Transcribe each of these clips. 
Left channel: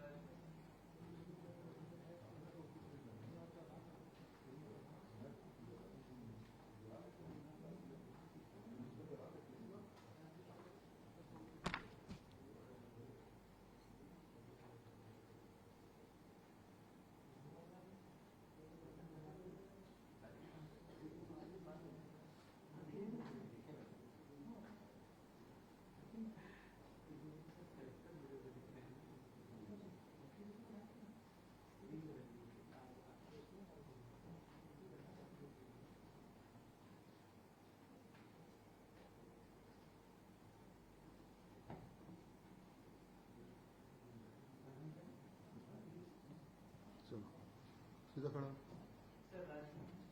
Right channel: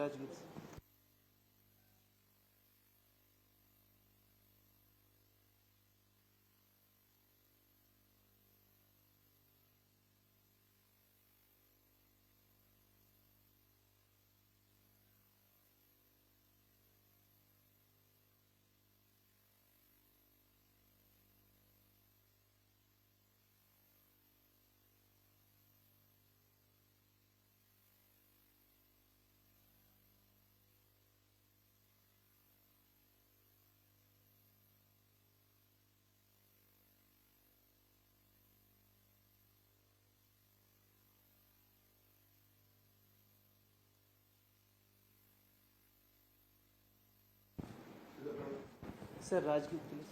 Rajgir. Sir Rajgir police.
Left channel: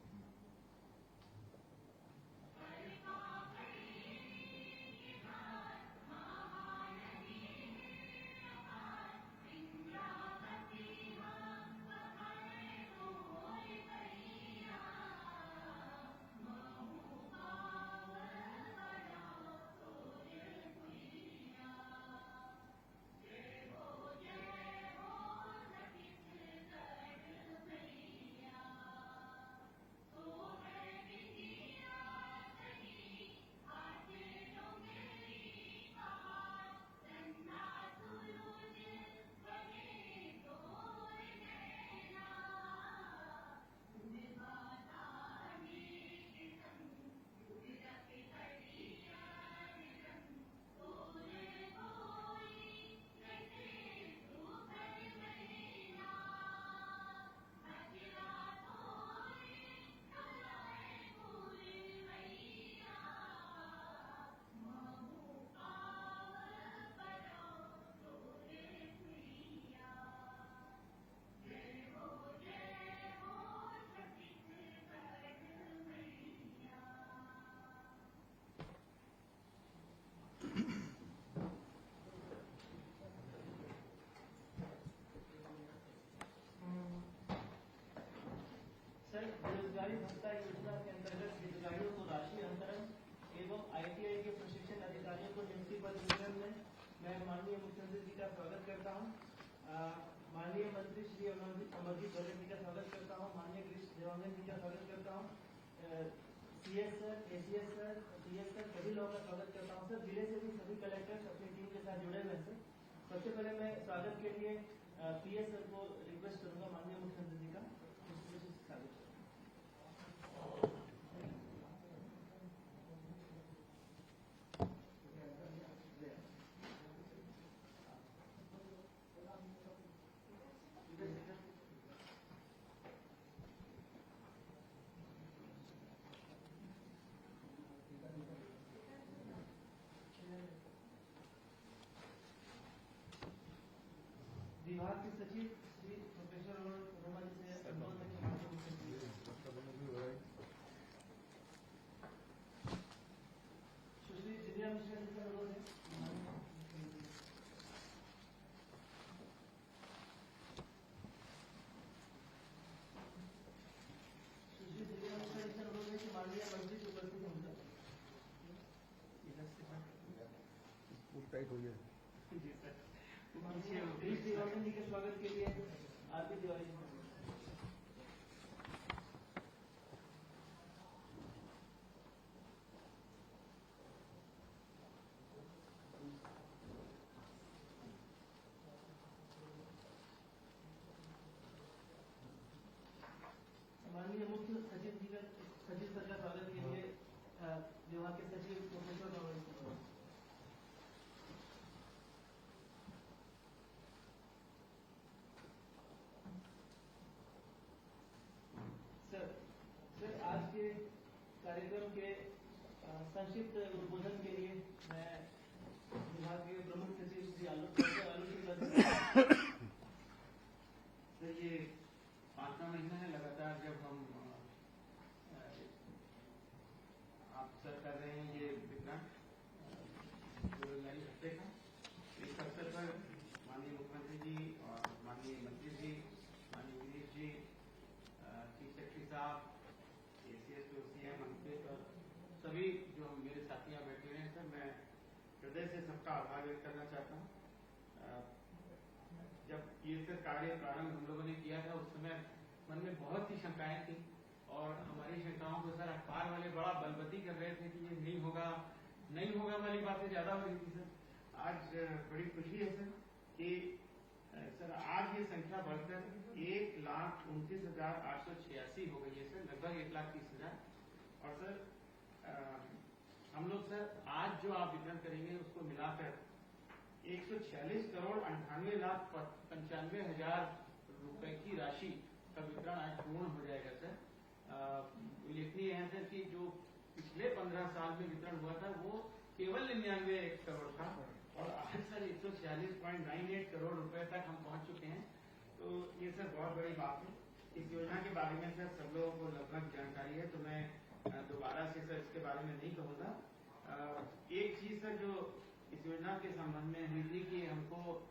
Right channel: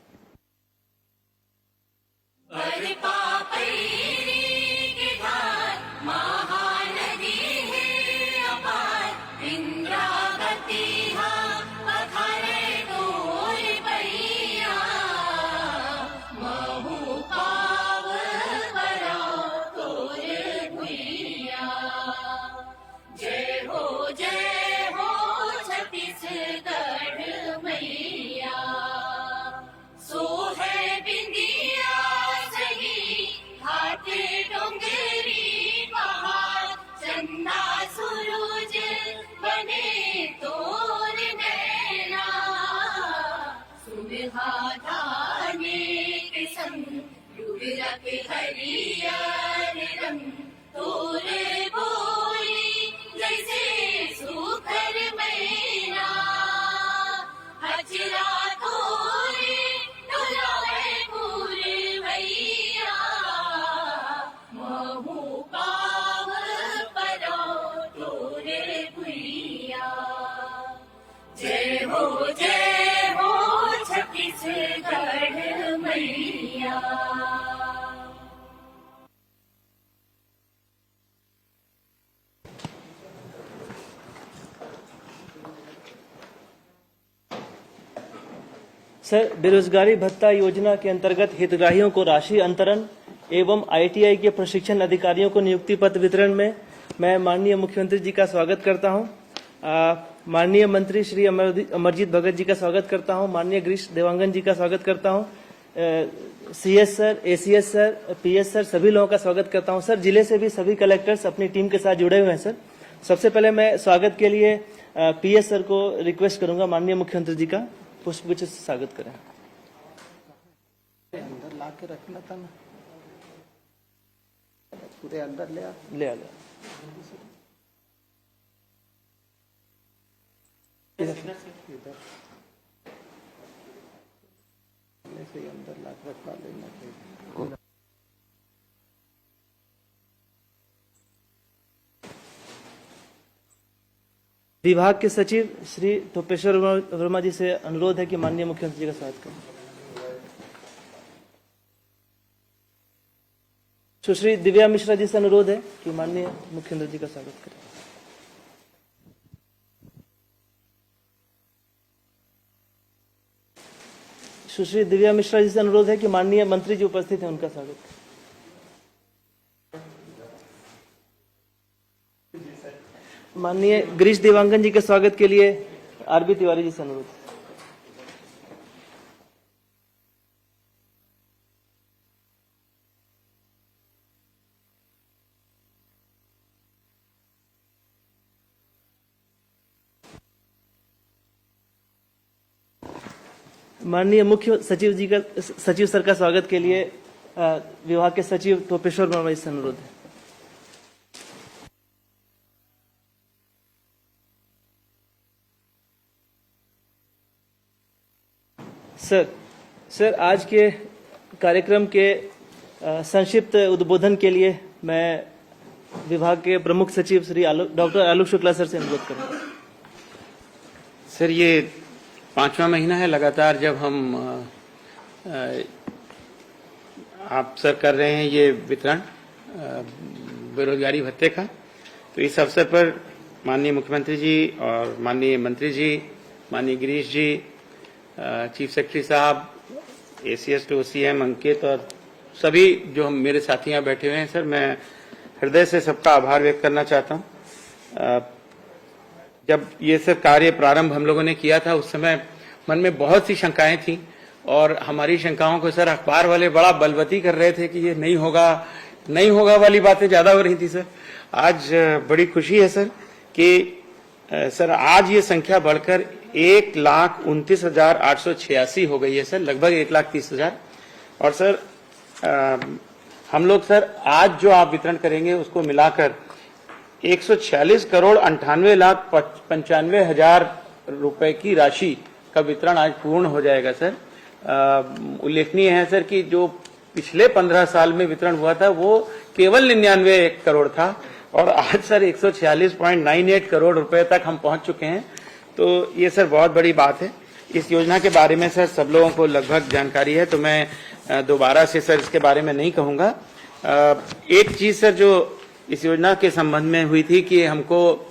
Sir, बेरोजगारी भत्ता योजना के अंतर्गत हितग्राहियों को राशि अंतरण एवं ITI के प्रशिक्षण अधिकारियों को नियुक्ति पत्र वितरण में मैं माननीय मुख्यमंत्री जी का स्वागत करता हूं। माननीय मंत्री श्री अमरजीत भगत जी का स्वागत करता हूं। माननीय गिरीश देवांगन जी का स्वागत करता हूं। CS sir, ACS sir, PS sir, सभी लोगों का स्वागत करता हूं। सर, जिले से भी सभी कलेक्टर्स अपनी टीम के साथ जुड़े हुए हैं। सर, सबसे पहले मैं स्वागत के लिए PS सर को रिक्वेस्ट करूंगा माननीय मुख्यमंत्री जी का पुष्पगुच्छ से स्वागत करें। अंदर ला के रखना था ना, पूरे अंदर ले आ से अंदर ला के रखवा लेना चाहिए। विभाग के सचिव श्री टोपेश्वर वर्मा जी से अनुरोध है कि माननीय मुख्यमंत्री जी का स्वागत करें। सुश्री दिव्या मिश्रा जी से अनुरोध है कि माननीय मुख्यमंत्री जी का स्वागत करें। सुश्री दिव्या मिश्रा जी से अनुरोध है कि माननीय मंत्री जी उपस्थित हैं, उनका स्वागत करें। माननीय गिरीश देवांगन जी के स्वागत के लिए RB तिवारी जी से अनुरोध। माननीय मुख्य सचिव जी का सचिव सर का स्वागत के लिए विभाग के सचिव टोपेश्वर वर्मा जी से अनुरोध है। सर, आज के कार्यक्रम के संक्षिप्त उद्बोधन के लिए मैं विभाग के प्रमुख सचिव श्री डॉक्टर आलोक शुक्ला सर से अनुरोध करूंगा। सर, ये 5वां महीना है लगातार जब हम आप सर कर रहे हैं ये वितरण बेरोजगारी भत्ते का। तो इस अवसर पर माननीय मुख्यमंत्री जी और माननीय मंत्री जी, माननीय गिरीश जी, चीफ सेक्रेटरी साहब, ACS to OCM अंकित और सभी जो हम मेरे साथी यहाँ बैठे हुए हैं, सर मैं हृदय से सबका आभार व्यक्त करना चाहता हूँ। जब ये सर कार्य प्रारंभ हम लोगों ने किया था उस समय मन में बहुत सी शंकाएं थी और हमारी शंकाओं को सर अखबार वाले बड़ा बलवती कर रहे थे कि ये नहीं होगा वाली बातें ज्यादा हो रही थी सर। आज बड़ी खुशी है सर कि सर आज ये संख्या बढ़कर 1,29,886 हो गई है सर, लगभग 1,30,000। और सर हम लोग सर आज जो आप वितरण करेंगे उसको मिलाकर 146 करोड़ 98,95,हजार रुपए की राशि का वितरण आज पूर्ण हो जाएगा सर। उल्लेखनीय है सर कि जो पिछले 15 साल में वितरण हुआ था वो केवल 99 करोड़ था और आज सर 146.98 करोड़ रुपए तक हम पहुंच चुके हैं। तो ये सर बहुत बड़ी बात है। इस योजना के बारे में सर सब लोगों को लगभग जानकारी है, तो मैं दोबारा से सर इसके बारे में नहीं कहूंगा। एक चीज सर जो इस योजना के संबंध में हुई थी कि हमको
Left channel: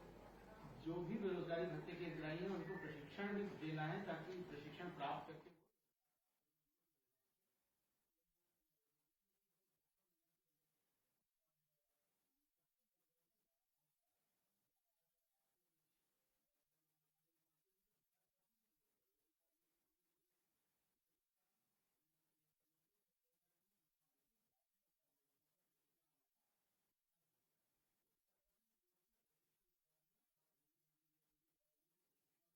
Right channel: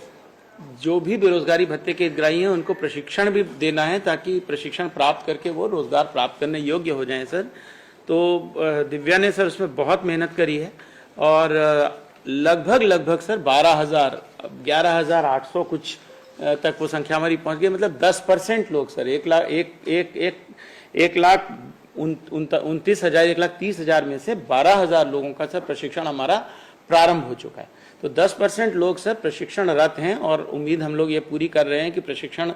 जो भी बेरोजगारी भत्ते के हितग्राही हैं उनको प्रशिक्षण भी देना है ताकि प्रशिक्षण प्राप्त करके वो रोजगार प्राप्त करने योग्य हो जाएं सर। तो दिव्या ने सर उसमें बहुत मेहनत करी है और लगभग सर 11,800 कुछ तक वो संख्या हमारी पहुंच गई। मतलब 10% लोग सर 1,29,000 में से 12,000 लोगों का सर प्रशिक्षण हमारा प्रारंभ हो चुका है। तो 10% लोग सर प्रशिक्षणरत हैं और उम्मीद हम लोग ये पूरी कर रहे हैं कि प्रशिक्षण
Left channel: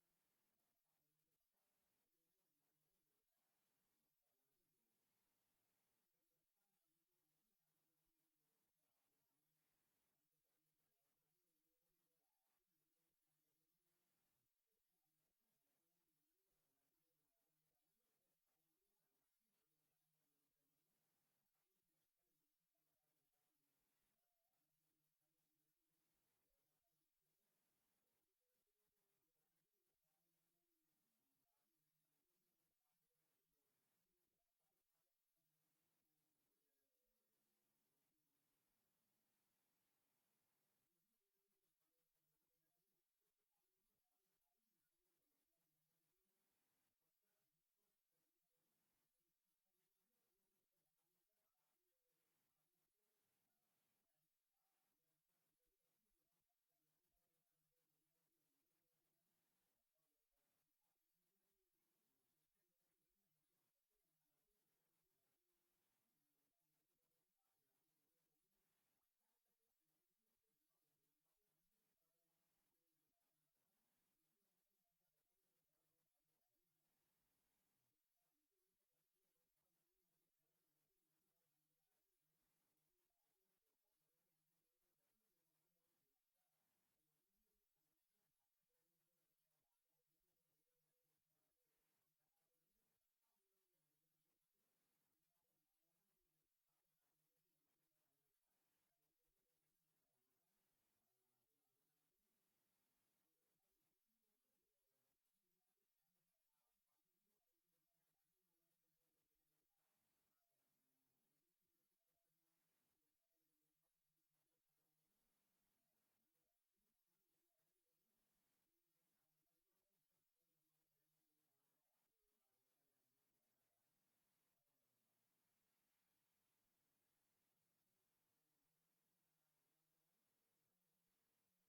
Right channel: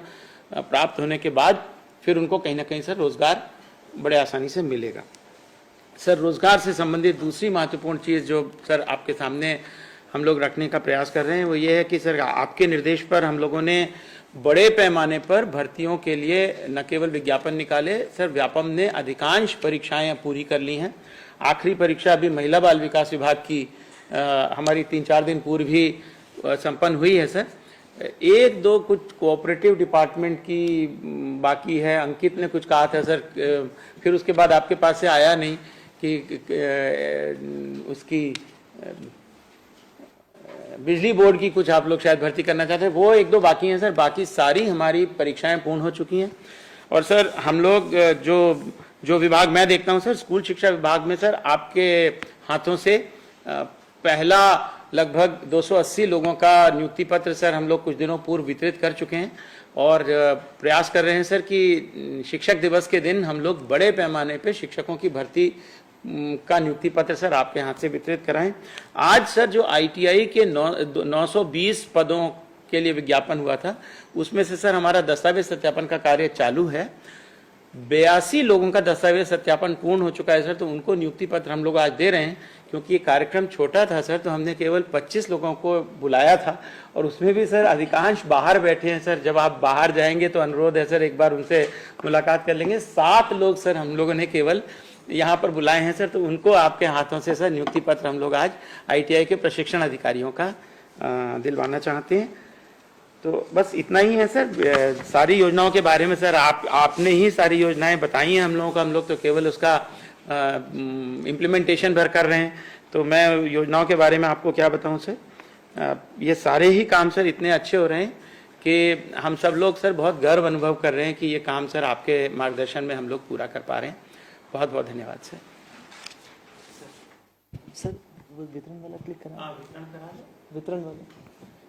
प्राप्त होने के बाद फिर उनको कहीं ना कहीं सर रोजगार बड़े आसानी से मिलेगा। सर रोजगार से संबंधित दूसरी महत्वपूर्ण चीज जो सर आपके सामने हम लोग रखने का प्रयास कर रहे हैं वो ये है कि सर आपके निर्देश पर हम लोगों ने बड़े पैमाने पर भर्तियों के लिए न केवल विज्ञापन निकाले सर, व्यापम ने अधिकांश परीक्षाएं पूरी कर ली हैं। आखिरी परीक्षा अभी महिला बाल विकास विभाग की हमारी 3-4 दिन पूर्व ही संपन्न हुई है सर। 1-2 कुछ कोऑपरेटिव डिपार्टमेंट की बाकी है। अंकित ने कुछ कहा था सर, फिर उसके बाद आपके पास से आया नहीं कि उसकी बिजली बोर्ड की कुछ आप लोग शायद भर्ती करना चाहते हैं, वो 1-2 बाकी हैं सर। बाकी सारी हमारी परीक्षाएं पूर्ण हो चुकी हैं। और सर हम लोग जो विभाग मैं देखता हूं सर, स्कूल शिक्षा विभाग में सर आपके हाथों से पहला लगभग 280 लोगों का नियुक्ति पत्र सर हम लोग कुछ दिनों पूर्व वितरित कर चुके हैं और प्रयास कर रहे हैं सर कि शिक्षक दिवस के दिन हम लोग बड़े पैमाने पे शिक्षकों की भर्ती का नियुक्ति पत्र सर आपके हाथ से वितरित कराएं। आज सर जो ITI के 920 पदों के लिए विज्ञापन हुआ था उसमें से सर हमारा दस्तावेज सत्यापन का कार्य चालू है। 82 लोगों का दस्तावेज सत्यापन पूर्ण हो चुका है सर, तो उनको नियुक्ति पत्र हम लोग आज दे रहे हैं। क्योंकि ये कार्यक्रम छोटा था सर, तो हमने केवल 25 लोगों को बुलाया था और उसमें भी सर अधिकांश बाहर बैठे हैं सर। जब आप बाहर जाएंगे तो अनुरोध है सर एक बार उनसे मुलाकात कर लेंगे। 7 लोग सर हम लोगों ने केवल यहाँ पर बुलाए हैं सर, तो उनको आपके हाथों से सर नियुक्ति पत्र हम लोग आज ITI के प्रशिक्षण अधिकारियों का दिलवाना चाहते हैं। तो बस इतना ही है सर। सारी योजनाओं के बारे में सर आपने ही सारी योजनाएं बताई हैं हम लोगों को, हम लोग तो केवल उसका इम्प्लीमेंटेशन भर कर रहे हैं। तो मैं योजनाओं के बारे में आपको क्या बताऊं सर, ये सारे ही काम सर इतने अच्छे हो रहे हैं कि हम सब लोग सर बहुत गर्व अनुभव कर रहे हैं कि ये काम सर आपके मार्गदर्शन में हम लोग पूरा कर पा रहे हैं। बहुत बहुत धन्यवाद सर। सर वो वितरण वाला क्लिक करा, वितरण वाला।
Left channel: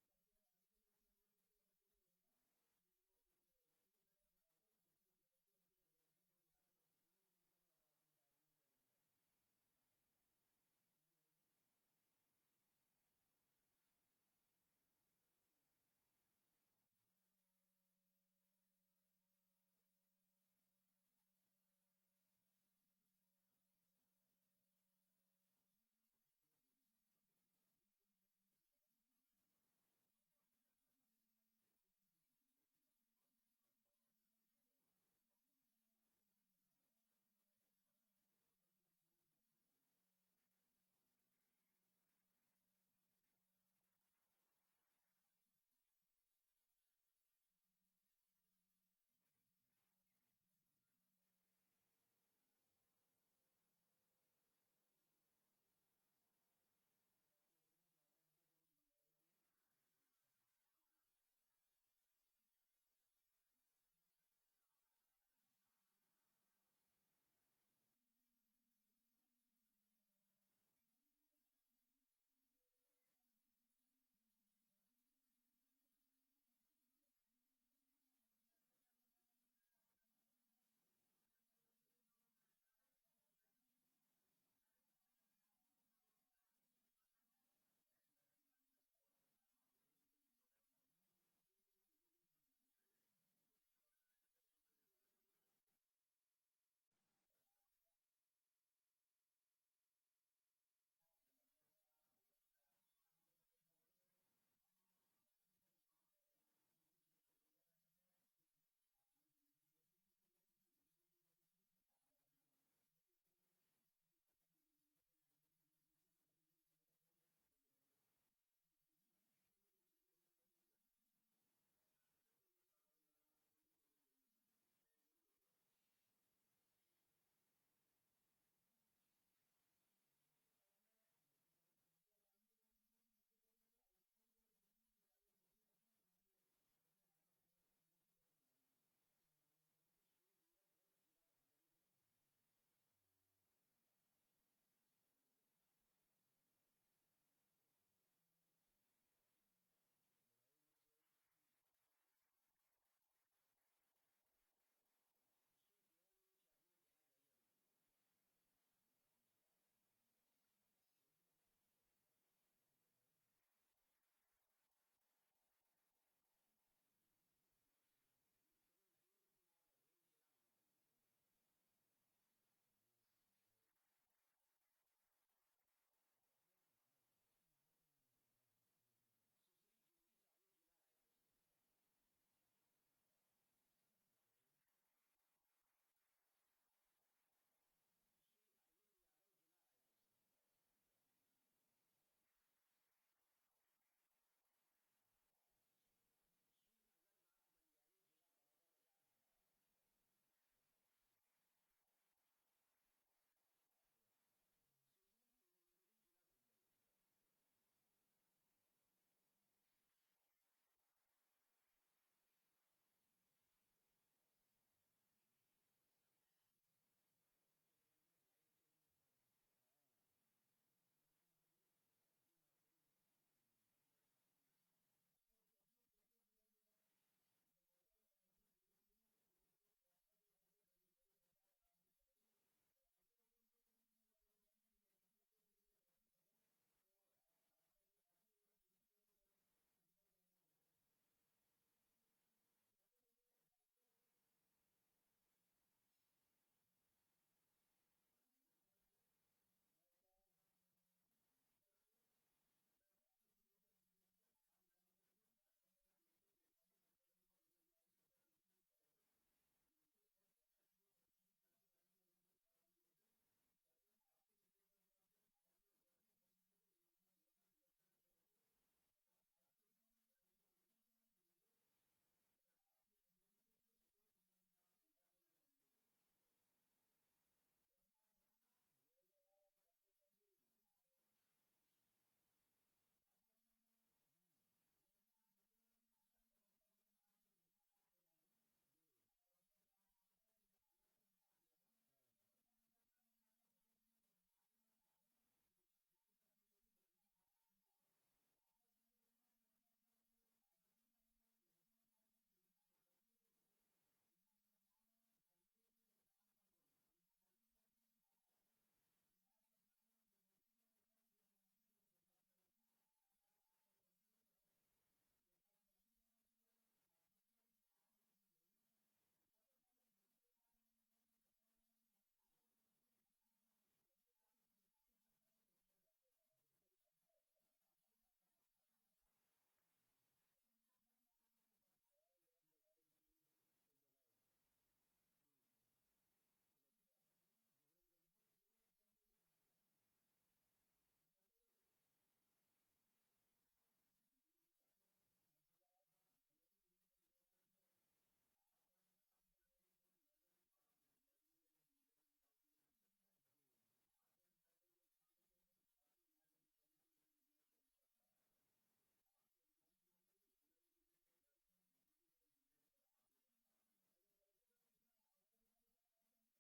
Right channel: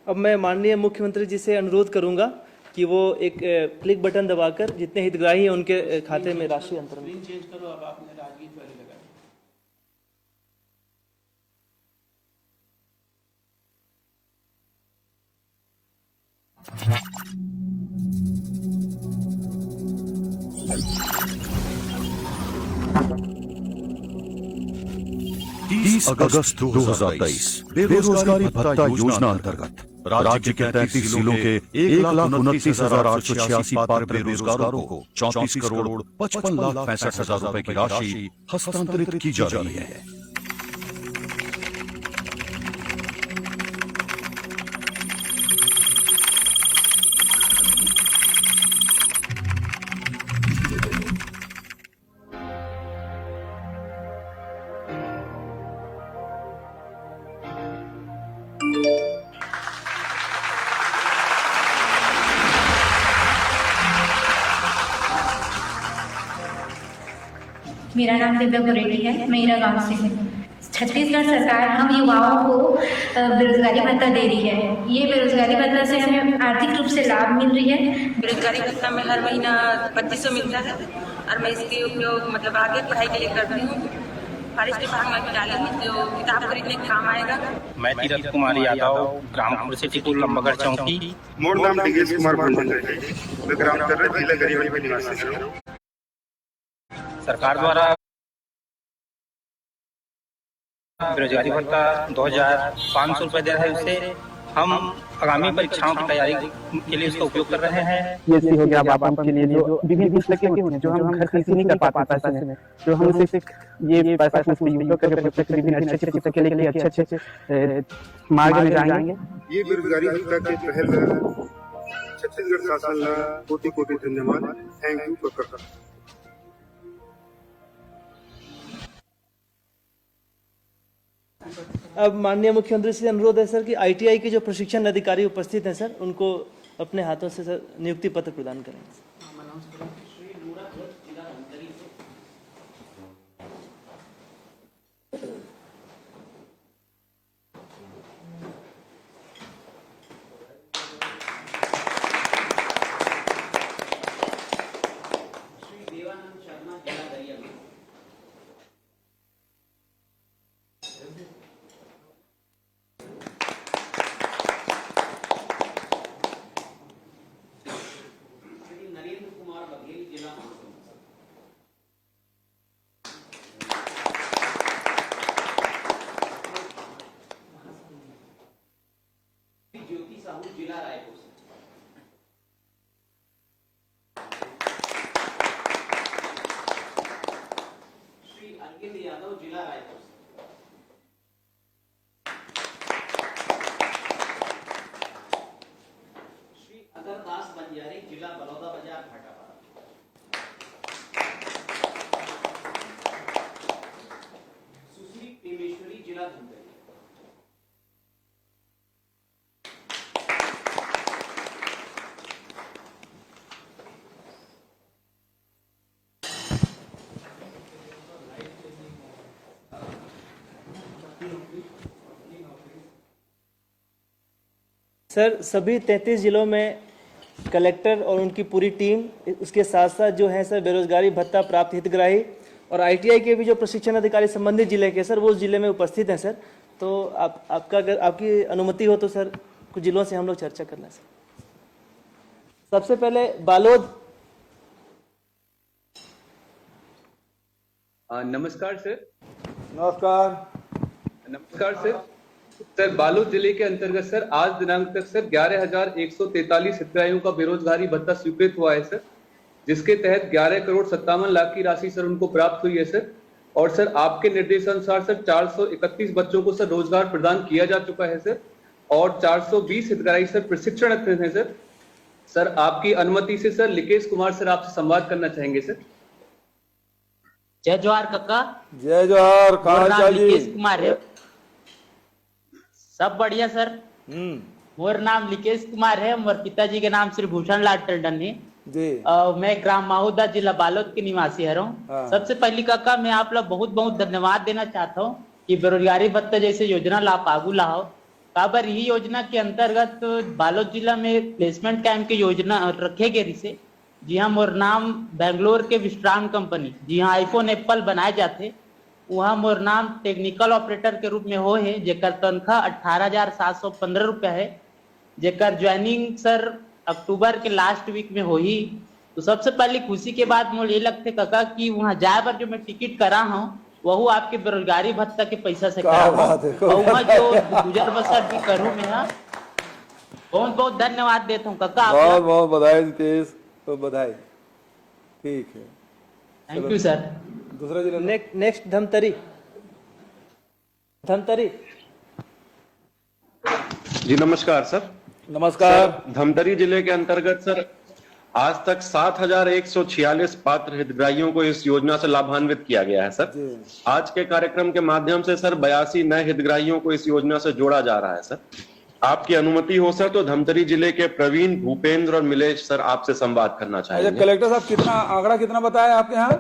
अब मैं माननीय मुख्यमंत्री जी से अनुरोध करूंगा कि वो एक क्लिक बटन दबाकर जितने हितग्राही हैं उनके खाते में राशि अंतरण चेंज करो। अब आपने राजगीर पहले लगा अगस्त 2023 बेरोजगारी भत्ता योजना अंतर्गत राज्य के 33 जिलों के 1,29,886 पात्र बेरोजगारों को 34 करोड़ 55 लाख 65 हजार रुपए की राशि हस्तांतरित की जा रही है। मेरा नाम दिव्या गोरेटी है, मैं ईरा गांव से हूँ। छत्तीसगढ़ सरकार हम युवाओं को बेरोजगारी भत्ता दे रही है। ये बेरोजगारी भत्ता से हमें आर्थिक रूप से लाभ मिल रही है। बेरोजगारी भत्ता में हर महीना 2500 मिलता है और मैं इसके उपयोग मतलब आगे पढ़ाई के लिए करती हूँ। फॉरेस्ट विभाग में भी डाली हूँ जो किताब खरीदने के काम आएगा। मैं तीरथ कुमार यादव, ग्राम खुर्सीपुर लंबागढ़ चौकी। मोर नाम डिगेश कुमार भंडारी है। मैं ग्राम चर्रा जिला गरीबगंज में निवासी हूँ। सरकार द्वारा बेरोजगारी भत्ता 2500 रुपए दे रहा है। उससे हम आगामी परीक्षाओं की तैयारी के लिए उसका उपयोग कर रहे हैं। ये हो गया बाप के लिए जो विभिन्न कुछ लगे होते हैं जो हम घर खर्च नहीं कर पाते पैसे में, जो हम उसे ये पैसा उसमें उपयोग करके बच्चे के विभिन्न अच्छे अच्छे के लिए अच्छे मार्ग में जाएंगे। ये बेरोजगारी भत्ता के पहल छत्तीसगढ़ शासन ला कोटि कोटि धन्यवाद। थैंक यू कक्का। अब माननीय मुख्यमंत्री से अनुरोध है सर कि आईटीआई के जो प्रशिक्षण अधिकारी उपस्थित हैं सर उनको अपने हाथों से सर नियुक्ति पत्र प्रदान करें। सर सभी 33 जिलों में कलेक्टर और उनकी पूरी टीम, उसके साथ साथ जो है सर बेरोजगारी भत्ता प्राप्त हितग्राही और आईटीआई के भी जो प्रशिक्षण अधिकारी संबंधित जिले के सर वो उस जिले में उपस्थित हैं सर। तो आपका अगर आपकी अनुमति हो तो सर कुछ जिलों से हम लोग चर्चा कर लें सर। सबसे पहले बालोद। नमस्कार सर। नमस्कार सर बालोद जिले के अंतर्गत सर आज दिनांक तक सर 11,143 हितग्राहियों का बेरोजगारी भत्ता स्वीकृत हुआ है सर, जिसके तहत 11 करोड़ 57 लाख की राशि सर उनको प्राप्त हुई है सर। और सर आपके निर्देशानुसार सर 431 बच्चों को सर रोजगार प्रदान किया जा चुका है सर और 420 हितग्राही सर प्रशिक्षण है सर। सर आपकी अनुमति से सर लिकेश कुमार सर आपसे संवाद करना चाहेंगे सर। जय जोहार कक्का। जय जोहार। कहाँ लिकेश कुमार है? सब बढ़िया सर। मोर नाम लिकेश कुमार है। मोर पिताजी के नाम श्री भूषण लाल टंडन है जी। मैं ग्राम माहौदा जिला बालोद के निवासी है। सबसे पहली काका मैं आप लोग बहुत बहुत धन्यवाद देना चाहता हूँ कि बेरोजगारी भत्ता जैसे योजना ला आगू लाओ। काबर यही योजना के अंतर्गत बालोद जिला में प्लेसमेंट कैंप की योजना रखे गए से। जी हाँ, मोर नाम बेंगलोर के विश्राम कंपनी जी हाँ आईफोन एप्पल बनाए जाते वहाँ मोर नाम टेक्निकल ऑपरेटर के रूप में हो है, जेकर तनख्वाह 18,715 रुपया है, जेकर ज्वाइनिंग सर अक्टूबर के लास्ट वीक में हो ही। तो सबसे पहले खुशी के बाद मुझे ये लगते काका कि वहाँ जाए पर जो मैं टिकट करा हूँ वह आपके बेरोजगारी भत्ता के पैसा से करा हूँ और वहाँ जो गुजर बसर भी करूँ मैं। बहुत बहुत धन्यवाद देता हूँ काका। बहुत बहुत बधाई जितेश, तो बधाई। ठीक है, थैंक यू सर। दूसरा जिला नेक्स्ट धमतरी। जी नमस्कार सर। नमस्कार। धमतरी जिले के अंतर्गत सर आज तक 7,146 पात्र हितग्राहियों को इस योजना से लाभान्वित किया गया है सर। आज के कार्यक्रम के माध्यम से सर 82 नए हितग्राहियों को इस योजना से जोड़ा जा रहा है सर। आपकी अनुमति हो सर तो धमतरी जिले के प्रवीण, भूपेंद्र और मिलेश सर आपसे संवाद करना चाहेंगे। कलेक्टर साहब कितना आंकड़ा कितना बताया आपके यहाँ?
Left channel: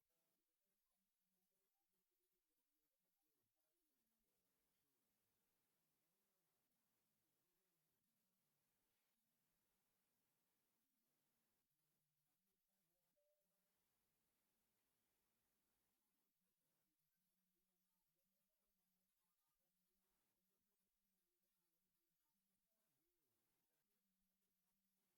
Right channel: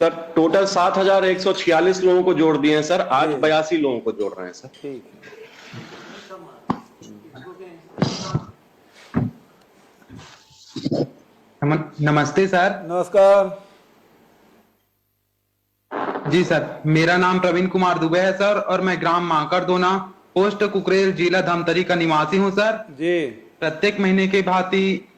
सर टोटल 7,146 लोगों को जोड़ दिए हैं सर, आज 82 लोगों को जोड़ रहे हैं सर। ठीक है। नमस्ते सर। नमस्कार जी सर, मेरा नाम प्रवीण कुमार दुबे है सर और मैं ग्राम माकड़दोना पोस्ट कुकरेल जिला धमतरी का निवासी हूं सर जी। प्रत्येक महीने के भांति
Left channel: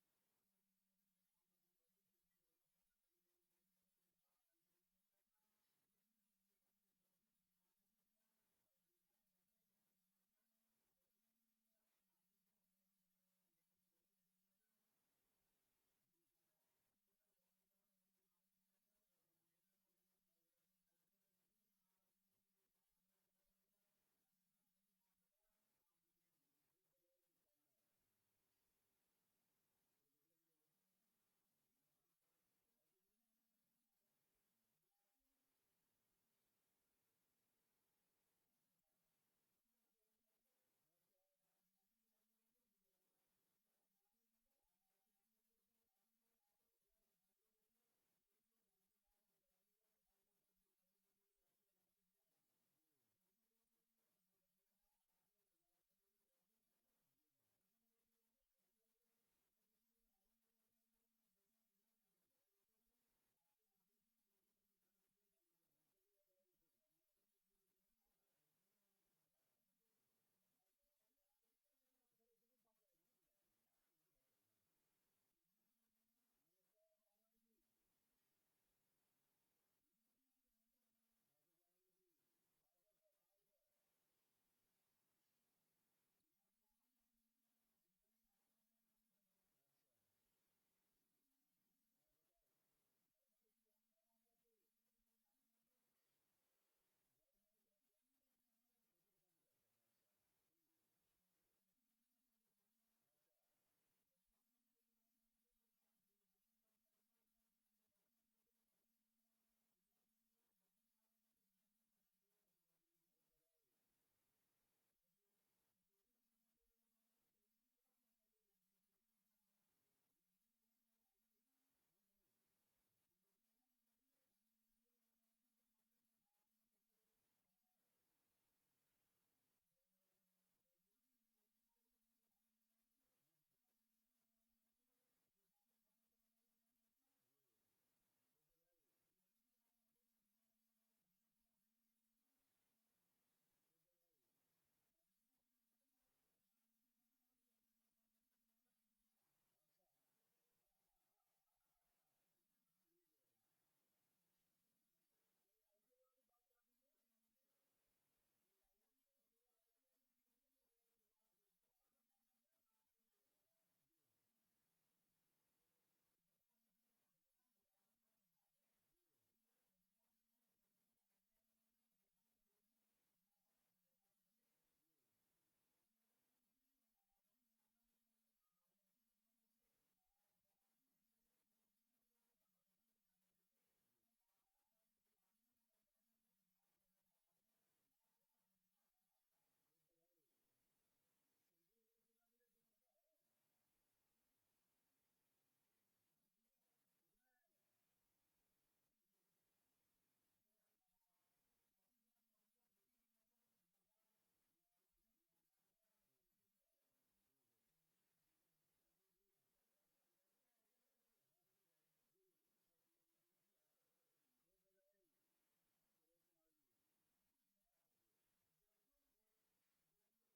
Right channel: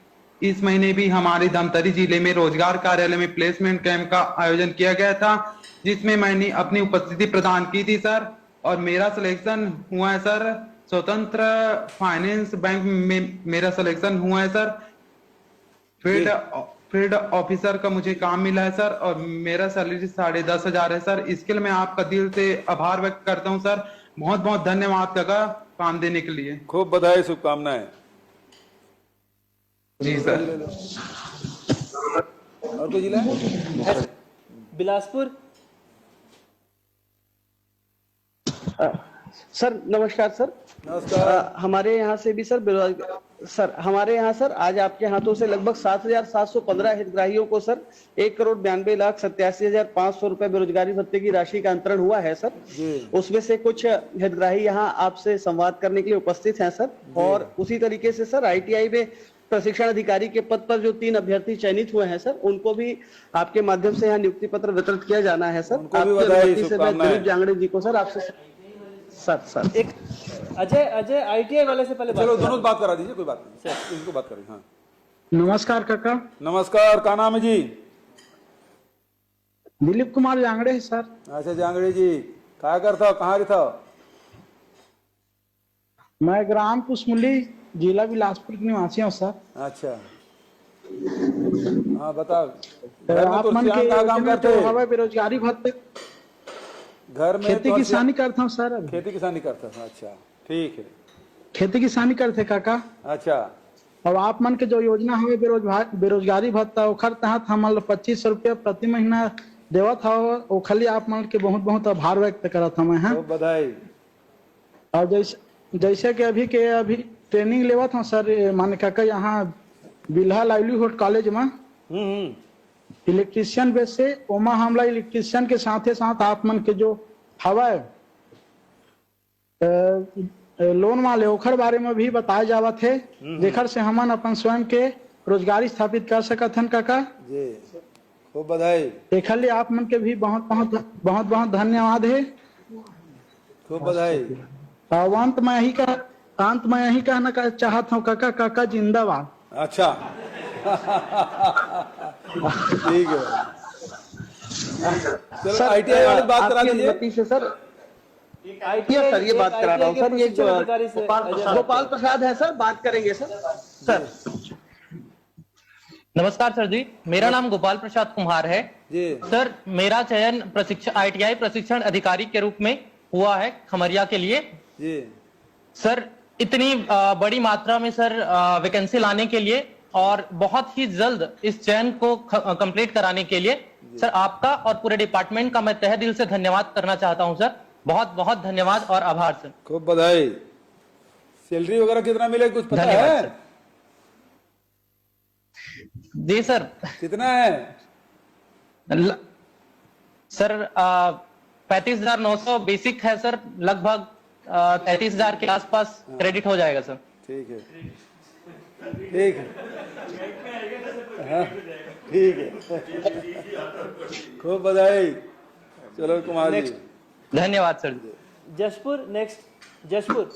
इस महीने भी हमारे धमतरी जिले में रोजगार कार्यालय में प्लेसमेंट कैंप का आयोजन किया गया था, जिसमें मैंने अपनी उपस्थिति प्रदान की थी सर और मेरा सिलेक्शन हुआ है सर। स्वतंत्र फाइनेंस बैंक में मेरा सिलेक्शन हुआ है सर। फील्ड ऑफिसर का मुझे काम मिला है सर और मेरा सैलरी 10,500 है सर। इसके लिए मैं आपका दिल से आभार व्यक्त करता हूं सर। बहुत बहुत धन्यवाद काका काम देने के लिए। खूब बधाई, शुभकामनाएं। जी सर। और कोई जिला है? बिलासपुर। सर नमस्कार सर। नमस्कार। हमारे यहाँ से भी सर सर हमारे यहाँ सर आज आपके हाथों से लगभग 7,715 हितग्राहियों को सर 1,92,87,500 रुपए बेरोजगारी भत्ते की राशि का अंतरण हुआ है सर। उसमें से कुछ हितग्राही यहाँ आपसे संवाद करने के लिए उपस्थित हैं सर। और उसी तरीके से सर ITI में प्रशिक्षण अधिकारी के पद पर जो 3 अभ्यर्थी चयनित हुए हैं सर, उनको भी आपके माध्यम से यहाँ नियुक्ति पत्र वितरित किया जाना है सर। आपके से मैं दिलीप जांगड़े जी को सर आपसे सर एक अजय ITI वाले से पहले चलो दोनों बात करा दीजिए, कोई बात नहीं सर, इनको बात करें। हाँ नमस्कार काका। नमस्कार, क्या नाम है जी? दिलीप कुमार जांगड़े है सर। अच्छा जांगड़े जी, क्या करता हो, कहाँ रहता हो? मैं ग्राम कुसमुली जिला बिलासपुर के निवासी हूँ सर। अच्छा हाँ बताओ। आप मन के काम करते हो? बेरोजगारी भत्ते घर में खेती किसानी करता हूँ सर। खेती किसानी करता हूँ। अच्छा ठीक है, खेती किसानी करते काका। अच्छा। और आप मन के जो योजना है बेरोजगारी भत्ता ओखर तहत हम 2500 रुपया प्रति महीना देवत था। ओखली आप मन के बहुत बहुत आभार व्यक्त करत हूँ मैं। बधाई। और जैसे कि अभी ट्रेनिंग लेवत हूँ सर मान काका यहाँ बिल्हा लाइवलीहुड कॉलेज में इलेक्ट्रीशियन बेस से ओमा हमला इलेक्ट्रीशियन के साथ आप मन के जो हवा लोन वाले ओखर बारे में भी बताए जावा थे, जेखर से हमन अपन स्वयं के रोजगारी स्थापित कर सकत हन काका जी। खूब बधाई। एक आप मन के भी बहुत बहुत धन्यवाद है। खूब बधाई। अंत में यही कहना चाहता हूँ काका जिंदाबाद। अच्छा ठीक है। चलो ITI वाले बात करा दीजिए से सर। सर ये बात करा रहा हूँ सर, ये गोपाल प्रसाद है सर, बात करेंगे सर। नमस्कार सर जी, मेरा नाम गोपाल प्रसाद कुमार है जी। सर मेरा चयन ITI प्रशिक्षण अधिकारी के रूप में हुआ है खमरिया के लिए जी। सर इतनी बड़ी मात्रा में सर वैकेंसी लाने के लिए और बहुत ही जल्द इस चयन को कंप्लीट कराने के लिए सर आपका और पूरे डिपार्टमेंट का मैं तहे दिल से धन्यवाद करना चाहता हूं सर। बहुत बहुत धन्यवाद और आभार सर। खूब बधाई। सैलरी वगैरह कितना मिले कुछ पता है? सर। जी सर। कितना है? सर 35,900 बेसिक है सर, लगभग 33,000 के आसपास क्रेडिट हो जाएगा सर। ठीक है ठीक है। हाँ ठीक है। खूब बधाई। चलो कुमार जी। धन्यवाद सर। जशपुर नेक्स्ट। जशपुर।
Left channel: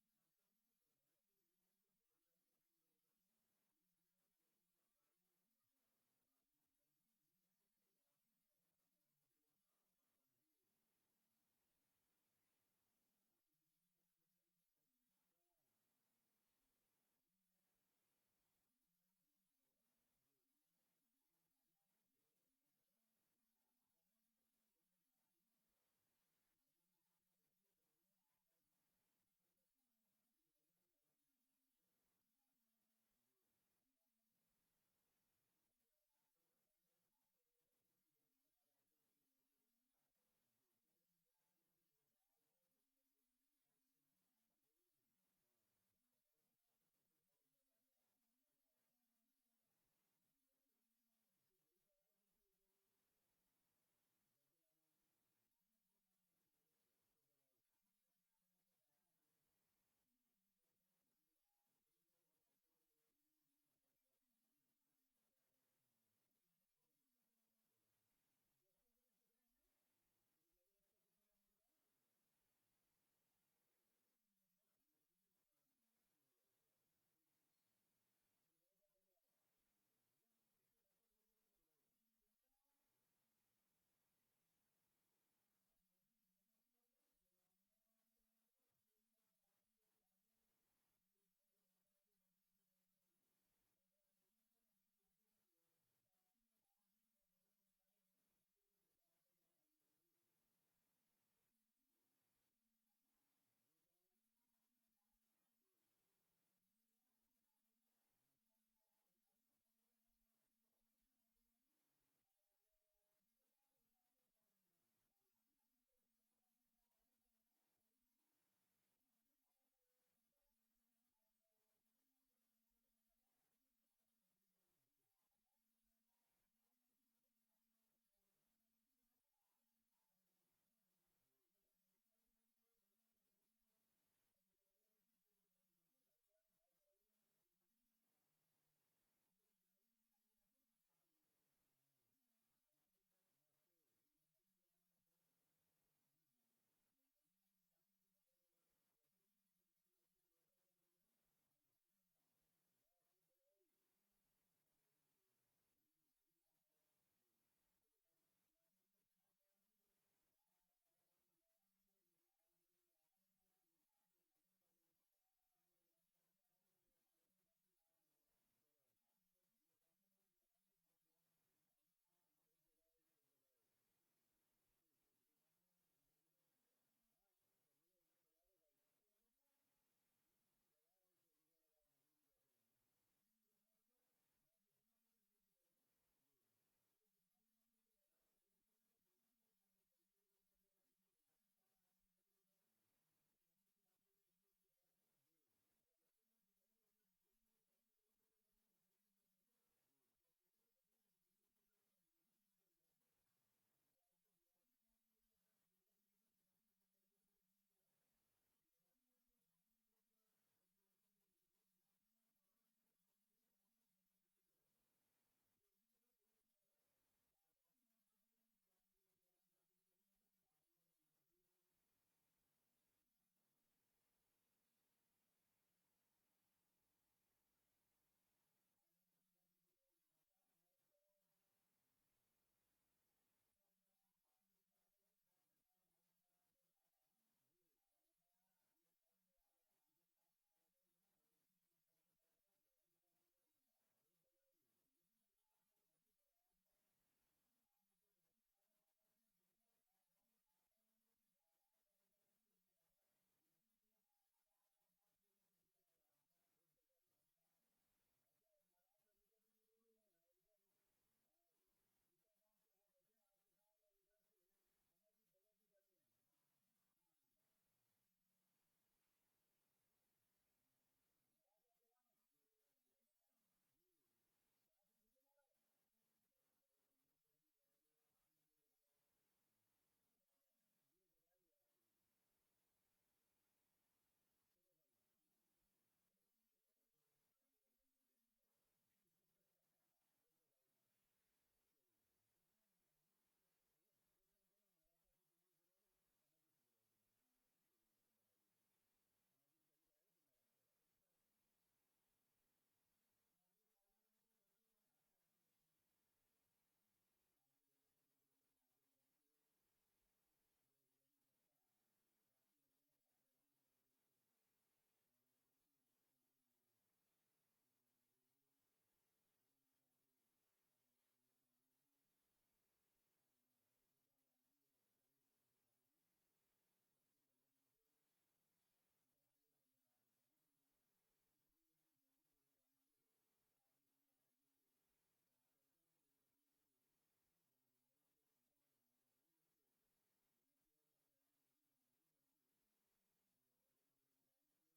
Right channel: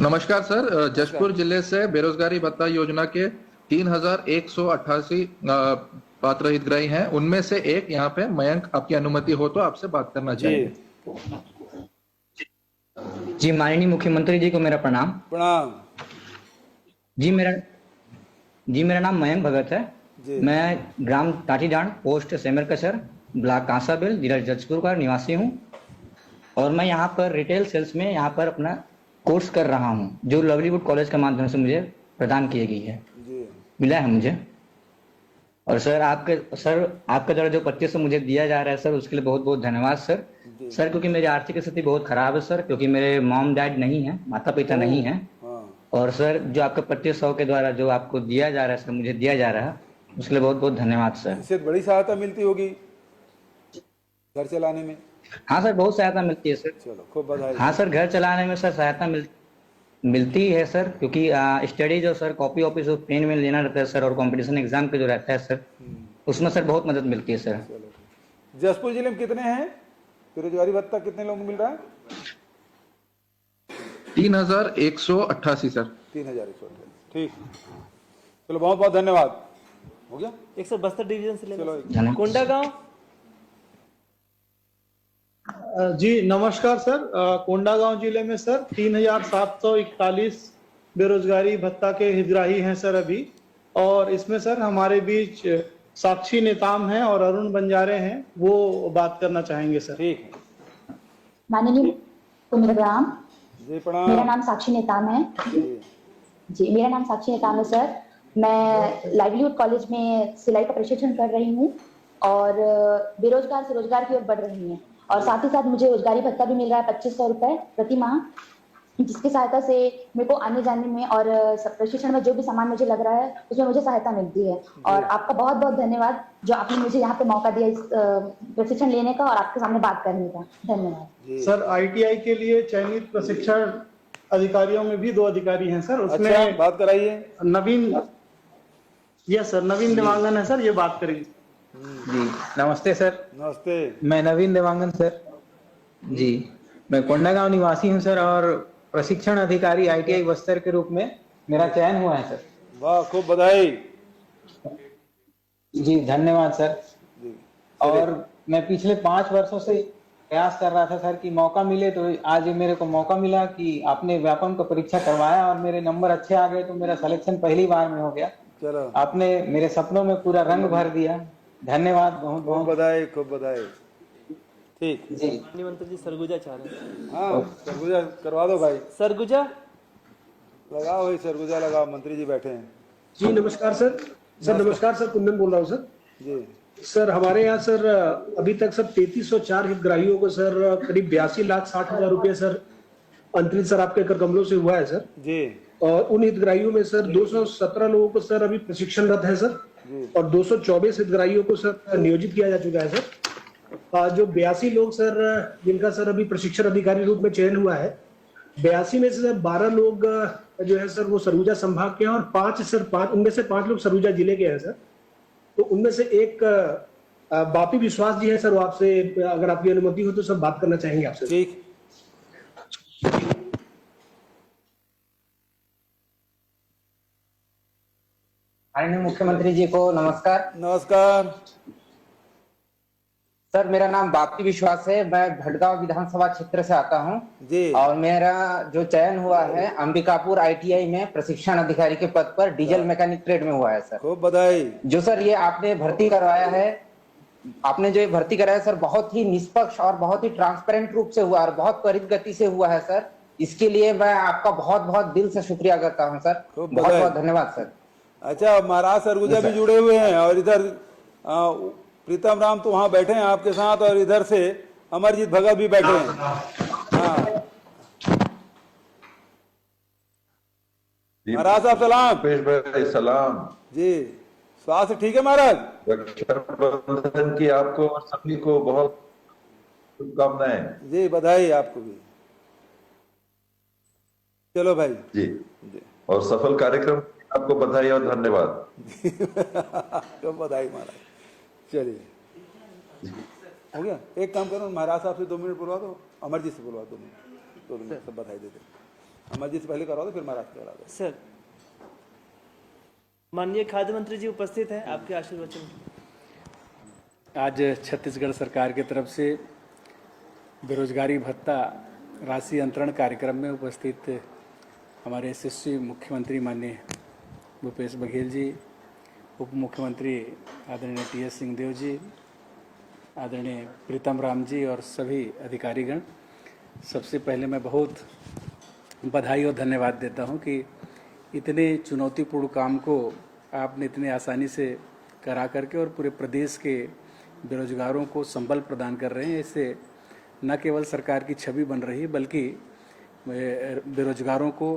नमस्कार सर, जशपुर जिले से बेरोजगारी भत्ता योजना के 3,188 पात्र हितग्राही हैं, उनमें से एक यहाँ पे मयंक, आपकी अनुमति हो तो आपसे बात करना चाहिए। जी माननीय मुख्यमंत्री जी को मेरा प्रणाम। प्रणाम। जी मेरा नाम मयंक भगत है। मैं ग्राम टाटीडांड पोस्ट सेमरकसर ब्लॉक कांसाबेल जिला जशपुर का निवासी हूँ और मैं यहाँ पर रिटेल सेल्स में यहाँ पर अपना कोर्स कर रहा हूँ, जो लवलीवुड कॉलेज के माध्यम से मुझे प्रदान की गई है, मिला है मुझे। और सर आपके द्वारा जो 2500 मुझे दिया जा रहा है सर, उसके लिए बहुत बहुत धन्यवाद सर। सर क्योंकि मेरी आर्थिक स्थिति बहुत खराब है सर, क्योंकि मेरे मॉम डैड नहीं है, माता पिता नहीं है। और सर जो आपके 2500 के द्वारा जो आपको दिया जा रहा है सर, मुझे दिया जा रहा है, उसके लिए बहुत बहुत धन्यवाद सर। इससे बड़ी सहायता मिलती होगी घर चलाने में? हाँ सर, बहुत सहायता मिलती है सर। चलो खूब बधाई। हाँ सर, घर चलाने में सर सहायता मिलती है सर, क्योंकि स्टडी जो सर कॉपी ऑफिस पेन में लेना रहता है सर, और कंपटीशन एग्जाम के जो रहता है सर, उसमें सर बहुत मदद मिलती है सर। जसपुर जिले में कितने हैं बेरोजगारी भत्ता, कितने लोगों को मिल रहा है? 3188 सर। 3188। ठीक, चलो बहुत बहुत धन्यवाद। हो गया। एक सर बस्तर डिवीजन से चलो लेना, कोंडा गांव। जी नमस्कार सर। कोंडागांव जिले में सर 3741 बेरोजगारी भत्ता के हितग्राही हैं सर अभी, और इसमें सर हमारे बीच साक्षी नेताम हैं और अरुण बंजारे हैं, वो बात करना चाहेंगे सर। ठीक। माननीय कुमारग्राम, जी प्रणाम। मेरा नाम साक्षी नेताम है। जी मेरा नाम साक्षी नेताम है सर। मैं लाइवलीहुड कॉलेज में सिलाई का प्रशिक्षण कर रही हूँ और बेरोजगार से रोजगार की ओर बढ़ रही हूँ, और साथ ही साथ मुझे रोजगारी भत्ता भी मिल रहा है 2500 रुपए प्रति माह, जिसकी सहायता से मेरे को आने जाने में और प्रशिक्षण में जो भी सामान मुझे लग रहा है उसमें मुझे सहायता मिलती है। और आपका बहुत बहुत धन्यवाद जो आपने मुझे यहाँ पे मौका दिया इस प्रशिक्षण लेने का और आपके सामने बात करने का। धन्यवाद सर। ITI के लिए चयनित प्रशिक्षण अधिकारियों में भी 2 अधिकारी हैं सर, उसमें अच्छा, बात कराइए। नवीन, यस सर, नवीन देवांगन है सर, ये बात करेंगे। जी नमस्ते सर। नमस्ते। मैं नवीन देवांगन सर। जी मैं कोंडागांव निवासी हूं सर, और प्रशिक्षण अधिकारी ITI बस्तर के रूप में मेरा चयन हुआ है सर। वाह, खूब बधाई। जी धन्यवाद सर। और मैं पिछले 5 वर्षों से प्रयास कर रहा था सर कि मौका मिले, तो आज मेरे को मौका मिला कि आपने व्यापम का परीक्षा करवाया और मेरे नंबर अच्छे आ गए, तो मेरा सिलेक्शन पहली बार में हो गया। चलो, आपने मेरे सपनों में पूरा रंग भर दिया। धन्यवाद, बहुत बहुत बधाई, खूब बधाई। ठीक जी। मंत्री जी सरगुजा चाह रहे हैं। हाँ सरगुजा करवा दो भाई। सरगुजा लगाओ भाई, सरगुजा लगाओ, मंत्री जी बैठे हैं। जी नमस्कार सर। सर नमस्कार सर, कुंदन बोल रहा हूँ सर। जी सर हमारे यहाँ सर अभी तक सर 3304 हितग्राहियों को सर करीब 82,60,000 रुपये सर अंतरित सर आपके कर कमलों से हुआ है सर जी। और उन हितग्राहियों में सर 217 लोगों को सर अभी प्रशिक्षणरत है सर, और 224 हितग्राहियों को सर नियोजित किया जा चुका है सर। जो 82 लोग सर जिनका सर अभी प्रशिक्षण अधिकारी रूप में चयन हुआ है, 82 में से सर 12 लोग जो है सर वो सरगुजा संभाग के हैं, और 5 उनमें से 5 लोग सरगुजा जिले के हैं सर। तो उनमें से एक बापी विश्वास जी है सर, वो आपसे अगर आपकी अनुमति हो तो सब बात करना चाहेंगे आपसे। ठीक। माननीय मुख्यमंत्री जी को नमस्कार। नमस्कार सर। मेरा नाम बापी विश्वास है, मैं भटगांव विधानसभा क्षेत्र से आता हूं जी, और मेरा जो चयन हुआ है अंबिकापुर ITI में प्रशिक्षण अधिकारी के पद पर डीजल मैकेनिक ट्रेड में हुआ है सर। खूब बधाई। जो सर ये आपने भर्ती करवाया है, आपने जो ये भर्ती कराया सर बहुत ही निष्पक्ष और बहुत ही ट्रांसपेरेंट रूप से हुआ और बहुत त्वरित गति से हुआ है सर। इसके लिए मैं आपका बहुत बहुत दिल से शुक्रिया करता हूँ सर। बहुत बहुत धन्यवाद सर। अच्छा, महाराज सरगुजा भी जुड़े हुए हैं, और इधर प्रीतम राम तो वहाँ बैठे हैं आपके साथ, और इधर से अमरजीत भगत भी बैठे हैं। हाँ महाराज साहब सलाम। सलाम जी। स्वास्थ्य ठीक है महाराज? रक्षाबंधन की आपको और सभी को बहुत शुभकामनाएं। जी बधाई आपको भी। चलो भाई जी, और सफल कार्यक्रम आपको बधाई और धन्यवाद। तो बधाई महाराज। चलिए हो गया। एक काम करो, महाराज साहब से 2 मिनट बुलवा दो, अमरजीत से बुलवा दो, 2 मिनट सब बधाई देते। अमरजीत से पहले करवा दो, फिर महाराज से करवा दो। सर माननीय खाद्य मंत्री जी उपस्थित हैं, आपके आशीर्वचन। आज छत्तीसगढ़ सरकार की तरफ से बेरोजगारी भत्ता राशि अंतरण कार्यक्रम में उपस्थित हमारे यशस्वी मुख्यमंत्री माननीय भूपेश बघेल जी, उप मुख्यमंत्री आदरणीय TS सिंहदेव जी, आदरणीय प्रीतम राम जी और सभी अधिकारीगण, सबसे पहले मैं बहुत बधाई और धन्यवाद देता हूं कि इतने चुनौतीपूर्ण काम को आपने इतने आसानी से करा करके और पूरे प्रदेश के बेरोजगारों को संबल प्रदान कर रहे हैं। इससे न केवल सरकार की छवि बन रही बल्कि बेरोजगारों को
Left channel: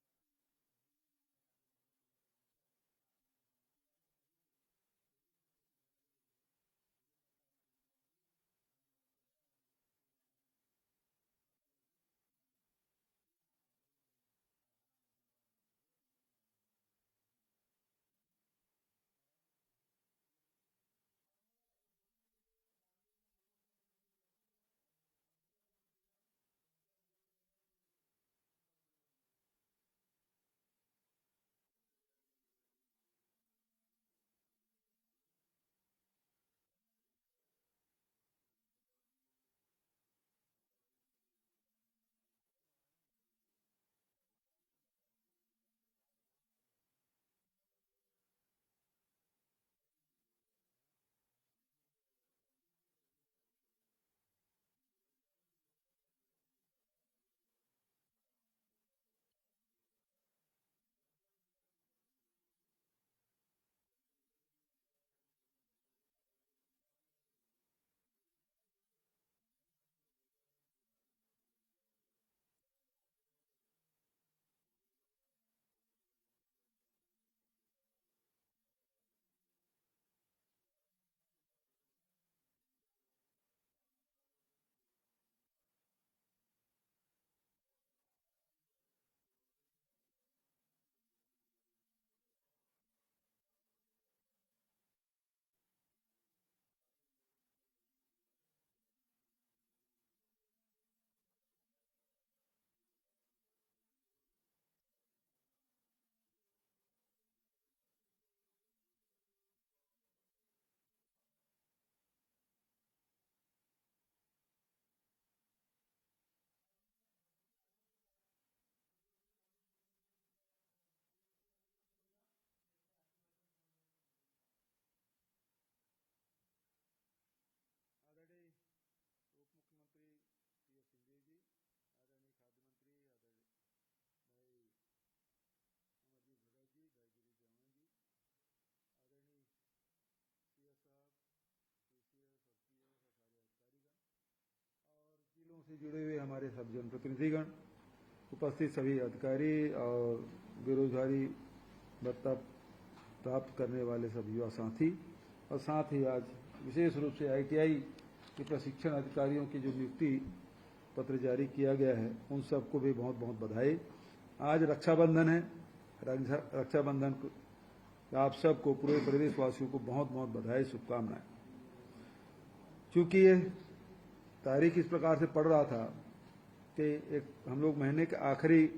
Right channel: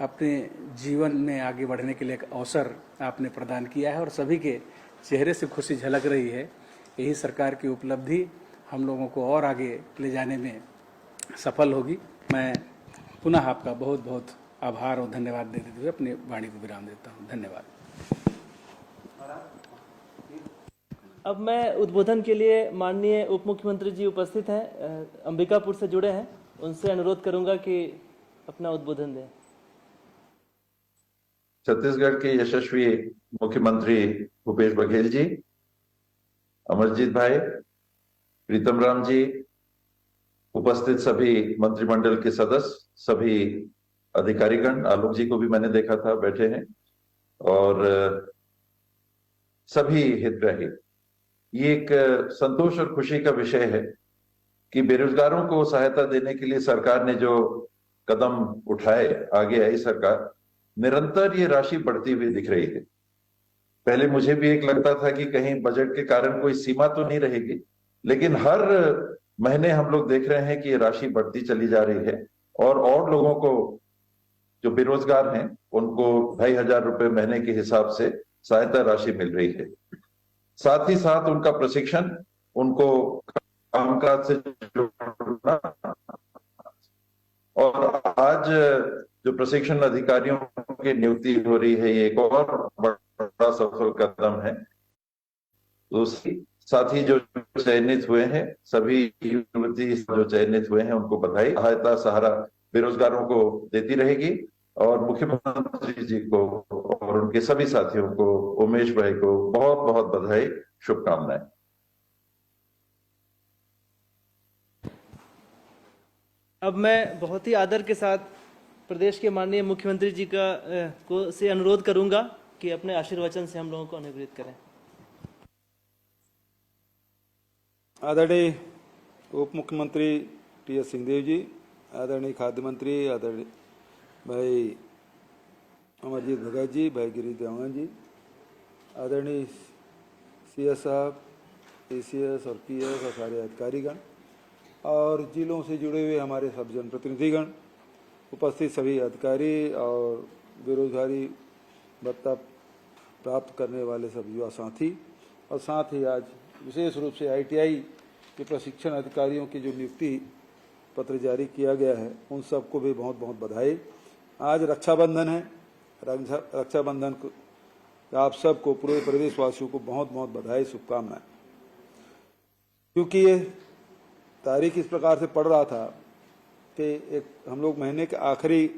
अपने जीवन में आगे बढ़ने के लिए एक अवसर आपने प्रदान किया है और सभी के चेहरे से खुशी झलक रही है। यही सरकार की उपलब्धि हम लोगों को और आगे ले जाने में सफल होगी। मैं पुनः आपका बहुत बहुत आभार और धन्यवाद देते हुए अपनी वाणी को विराम देता हूँ। धन्यवाद। अब मैं उद्बोधन के लिए माननीय उप मुख्यमंत्री जी उपस्थित हैं, अंबिकापुर से जुड़े हैं, उनसे अनुरोध करूंगा कि अपना उद्बोधन दें। छत्तीसगढ़ के यशस्वी मुख्यमंत्री भूपेश बघेल जी, अमरजीत भाई, प्रीतम राम जी, उपस्थित सभी मंत्रिमंडल के सदस्य, सभी अधिकारीगण, आलोक जी को भी मैंने देखा था बैठे हैं, और सभी हितग्राही, ये एक संतोष और खुशी का विषय है कि बेरोजगारों को सहायता देने के लिए सरकार ने जो कदम उठाए, आगे आई सरकार, निरंतर ये राशि बढ़ती हुई दिख रही है। पहले मुझे भी एक लगता था कि कहीं बजट के कारण कोई सीमा तो नहीं रहेगी, लेकिन हर महीने हम लोग देख रहे हैं कि ये राशि बढ़ती चली जा रही है, और लोगों को जो बेरोजगार हैं उनको 2,500 रुपए महीने के हिसाब से सहायता राशि मिल रही है। साथ ही साथ उनका प्रशिक्षण, उनको कामकाज से जोड़ना, और आज जो प्रशिक्षण अधिकारियों की नियुक्ति हो रही है, ये एक और बड़ा सफल कदम है। तो साथ ही जो चयनित हुए हैं, सभी युवती जो चयनित हुए हैं, उनको बधाई। सहायता सहारा बेरोजगारों को देती रहेगी, और मुख्यमंत्री जी को और उनके सभी साथियों को, उमेश भाई को बहुत बहुत बधाई, शुभकामनाएं। अब मैं बहुत ही आदर के साथ प्रदेश के माननीय मुख्यमंत्री जी से अनुरोध करूंगा कि अपने आशीर्वचन से हम लोगों को अनुग्रहित करें। आदरणीय उप मुख्यमंत्री टी.एस. सिंहदेव जी, आदरणीय खाद्य मंत्री आदरणीय भाई अमरजीत भगत जी, भाई गिरीश देवांगन जी, आदरणीय CS साहब, ACS और PS और सारे अधिकारीगण, और जिलों से जुड़े हुए हमारे सब जनप्रतिनिधिगण, उपस्थित सभी अधिकारी और बेरोजगारी भत्ता प्राप्त करने वाले सब युवा साथी, और साथ ही आज विशेष रूप से ITI के प्रशिक्षण अधिकारियों की जो नियुक्ति पत्र जारी किया गया है, उन सबको भी बहुत बहुत बधाई। आज रक्षाबंधन है, रक्षाबंधन को आप सबको, पूरे प्रदेशवासियों को बहुत बहुत बधाई, शुभकामनाएं। क्योंकि ये तारीख इस प्रकार से पड़ रहा था कि एक हम लोग महीने के आखिरी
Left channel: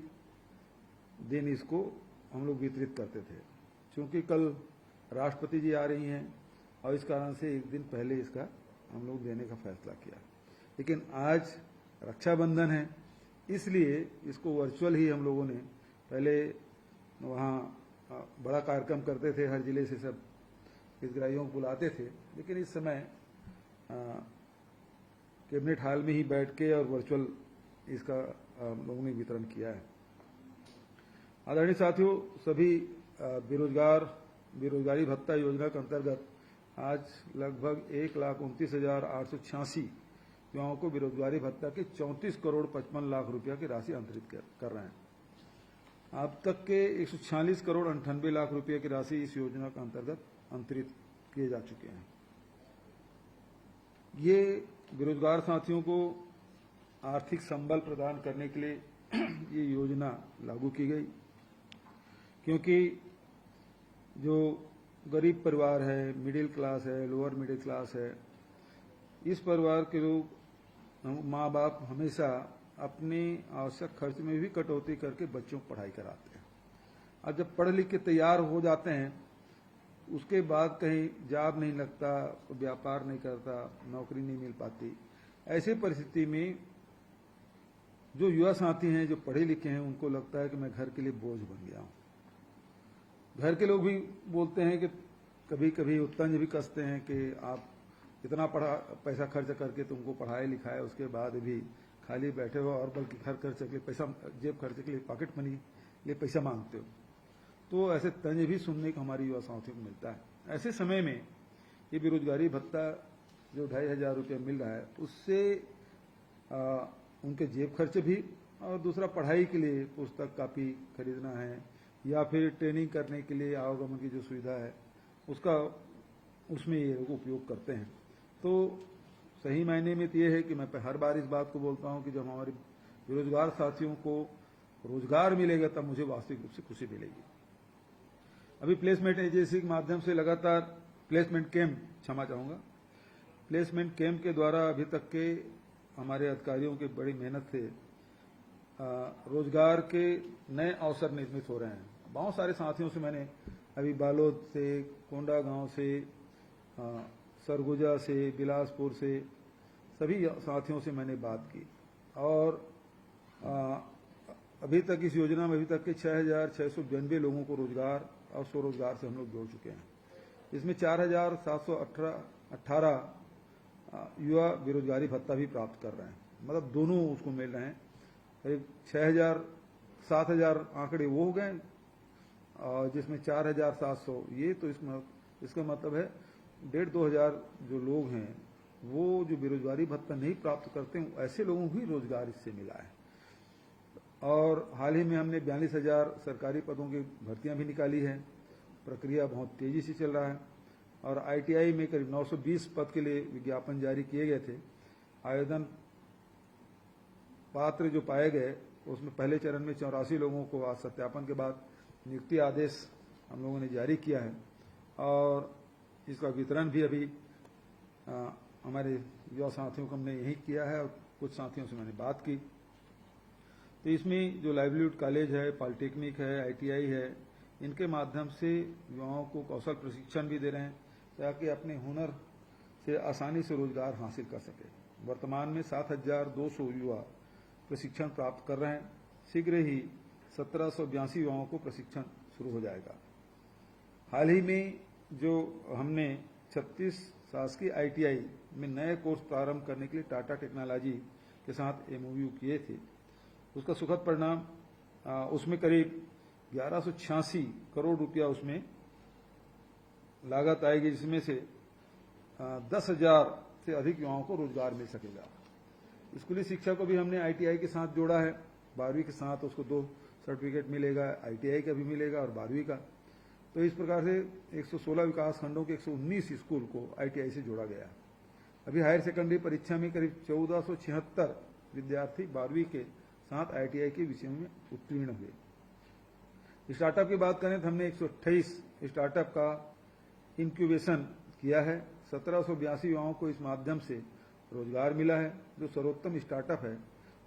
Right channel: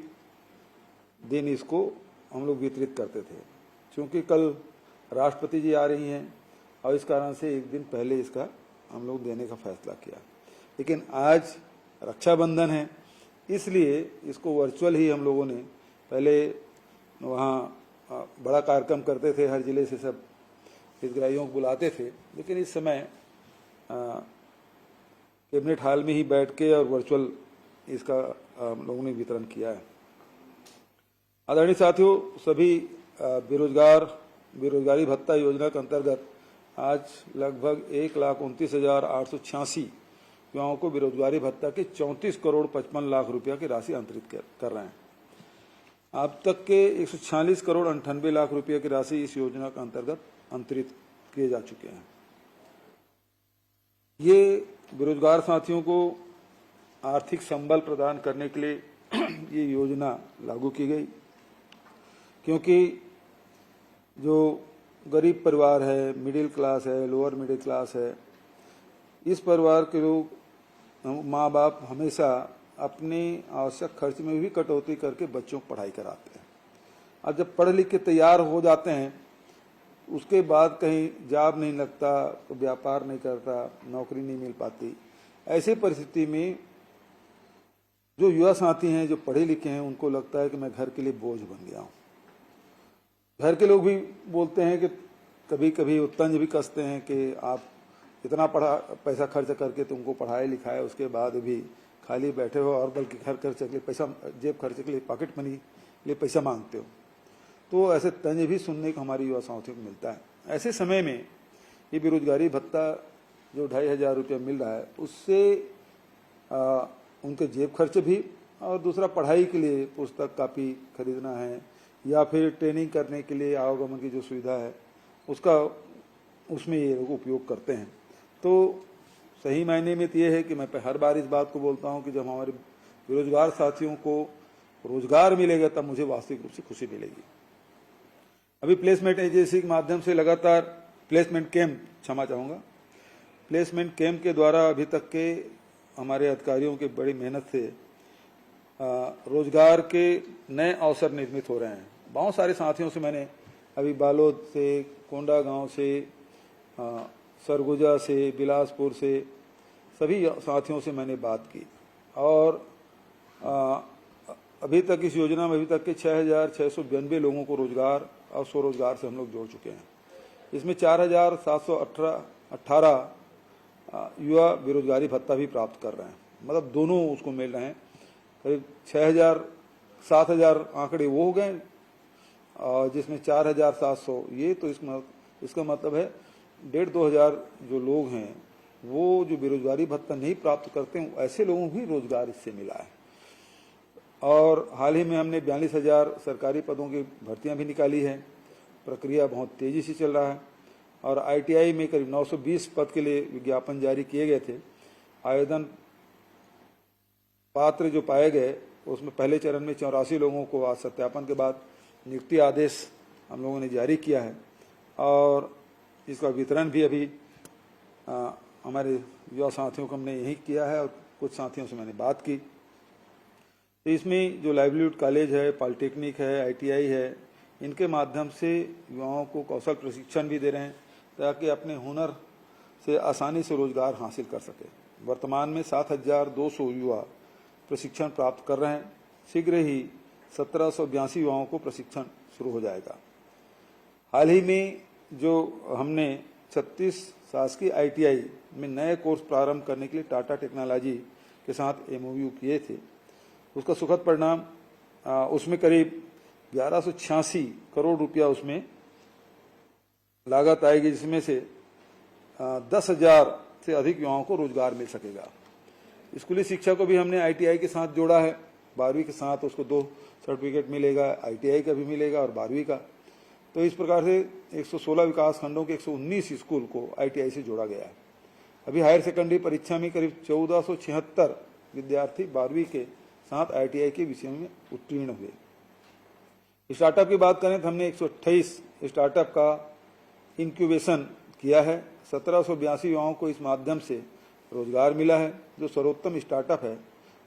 दिन इसको हम लोग वितरित करते थे, क्योंकि कल राष्ट्रपति जी आ रही हैं, और इस कारण से एक दिन पहले इसका हम लोग देने का फैसला किया। लेकिन आज रक्षाबंधन है, इसलिए इसको वर्चुअल ही हम लोगों ने, पहले वहाँ बड़ा कार्यक्रम करते थे, हर जिले से सब हितग्राहियों को बुलाते थे, लेकिन इस समय कैबिनेट हॉल में ही बैठ के और वर्चुअल इसका हम लोगों ने वितरण किया है। आदरणीय साथियों, सभी बेरोजगारी भत्ता योजना के अंतर्गत आज लगभग 1,29,886 युवाओं को बेरोजगारी भत्ता के 34 करोड़ 55 लाख रुपया की राशि अंतरित कर रहे हैं। अब तक के 146 करोड़ 98 लाख रुपये की राशि इस योजना के अंतर्गत अंतरित किए जा चुके हैं। ये बेरोजगार साथियों को आर्थिक संबल प्रदान करने के लिए ये योजना लागू की गई, क्योंकि जो गरीब परिवार है, मिडिल क्लास है, लोअर मिडिल क्लास है, इस परिवार के लोग, माँ बाप हमेशा अपने आवश्यक खर्च में भी कटौती करके बच्चों को पढ़ाई कराते हैं। अब जब पढ़ लिख के तैयार हो जाते हैं, उसके बाद कहीं जॉब नहीं लगता, तो व्यापार नहीं करता, नौकरी नहीं मिल पाती। ऐसी परिस्थिति में जो युवा साथी हैं, जो पढ़े लिखे हैं, उनको लगता है कि मैं घर के लिए बोझ बन गया हूँ। घर के लोग भी बोलते हैं कि कभी कभी तंज भी कसते हैं कि आप इतना पैसा खर्च करके तुमको पढ़ाई लिखाए, उसके बाद भी खाली बैठे हो, और बल्कि घर खर्च के लिए पैसा, जेब खर्च के लिए, पॉकेट मनी के लिए पैसा मांगते हो। तो ऐसे तंज भी सुनने को हमारी युवा साथियों को मिलता है। ऐसे समय में ये बेरोजगारी भत्ता जो 2,500 रुपया मिल रहा है, उससे उनके जेब खर्च भी, और दूसरा पढ़ाई के लिए पुस्तक कापी खरीदना है, या फिर ट्रेनिंग करने के लिए आवागमन की जो सुविधा है उसका उसमें ये लोग उपयोग करते हैं। तो सही मायने में तो ये है कि मैं हर बार इस बात को बोलता हूँ कि जब हमारे बेरोजगार साथियों को रोजगार मिलेगा तब मुझे वास्तविक रूप से खुशी मिलेगी। अभी प्लेसमेंट एजेंसी के माध्यम से लगातार प्लेसमेंट कैंप प्लेसमेंट कैंप के द्वारा अभी तक के हमारे अधिकारियों की बड़ी मेहनत से रोजगार के नए अवसर निर्मित हो रहे हैं। बहुत सारे साथियों से मैंने अभी बालोद से, कोंडागांव से, सरगुजा से, बिलासपुर से, सभी साथियों से मैंने बात की और अभी तक इस योजना में अभी तक के 6,692 लोगों को रोजगार और स्वरोजगार से हम लोग जोड़ चुके हैं। इसमें 4,718 युवा बेरोजगारी भत्ता भी प्राप्त कर रहे हैं, मतलब दोनों उसको मिल रहे हैं। करीब 7,000 आंकड़े वो हो गए और जिसमें 4,700 ये, तो इसका मतलब है 1,500-2,000 जो लोग हैं वो जो बेरोजगारी भत्ता नहीं प्राप्त करते हैं ऐसे लोगों को भी रोजगार इससे मिला है। और हाल ही में हमने 42,000 सरकारी पदों की भर्तियां भी निकाली है। प्रक्रिया बहुत तेजी से चल रहा है और ITI में करीब 920 पद के लिए विज्ञापन जारी किए गए थे। आवेदन पात्र जो पाए गए उसमें पहले चरण में 84 लोगों को आज सत्यापन के बाद नियुक्ति आदेश हम लोगों ने जारी किया है और इसका वितरण भी अभी हमारे युवा साथियों को हमने यही किया है और कुछ साथियों से मैंने बात की। तो इसमें जो लाइवलीहुड कॉलेज है, पॉलिटेक्निक है, ITI है, इनके माध्यम से युवाओं को कौशल प्रशिक्षण भी दे रहे हैं ताकि अपने हुनर से आसानी से रोजगार हासिल कर सके। वर्तमान में 7,200 युवा प्रशिक्षण प्राप्त कर रहे हैं। शीघ्र ही 1,782 युवाओं को प्रशिक्षण शुरू हो जाएगा। हाल ही में जो हमने 36 शासकीय ITI में नए कोर्स प्रारंभ करने के लिए टाटा टेक्नोलॉजी के साथ MOU किए थे, उसका सुखद परिणाम उसमें करीब 1186 करोड़ रुपया उसमें लागत आएगी, जिसमें से 10,000 से अधिक युवाओं को रोजगार मिल सकेगा। स्कूली शिक्षा को भी हमने ITI के साथ जोड़ा है। 12वीं के साथ उसको 2 सर्टिफिकेट मिलेगा, ITI का भी मिलेगा और 12वीं का। तो इस प्रकार से 116 विकास खंडों के 119 स्कूल को ITI से जोड़ा गया है। अभी हायर सेकेंडरी परीक्षा में करीब 1476 विद्यार्थी 12वीं के साथ ITI के विषयों में उत्तीर्ण हुए। स्टार्टअप की बात करें तो हमने 128 स्टार्टअप का इंक्यूबेशन किया है। 1,782 युवाओं को इस माध्यम से रोजगार मिला है। जो सर्वोत्तम स्टार्टअप है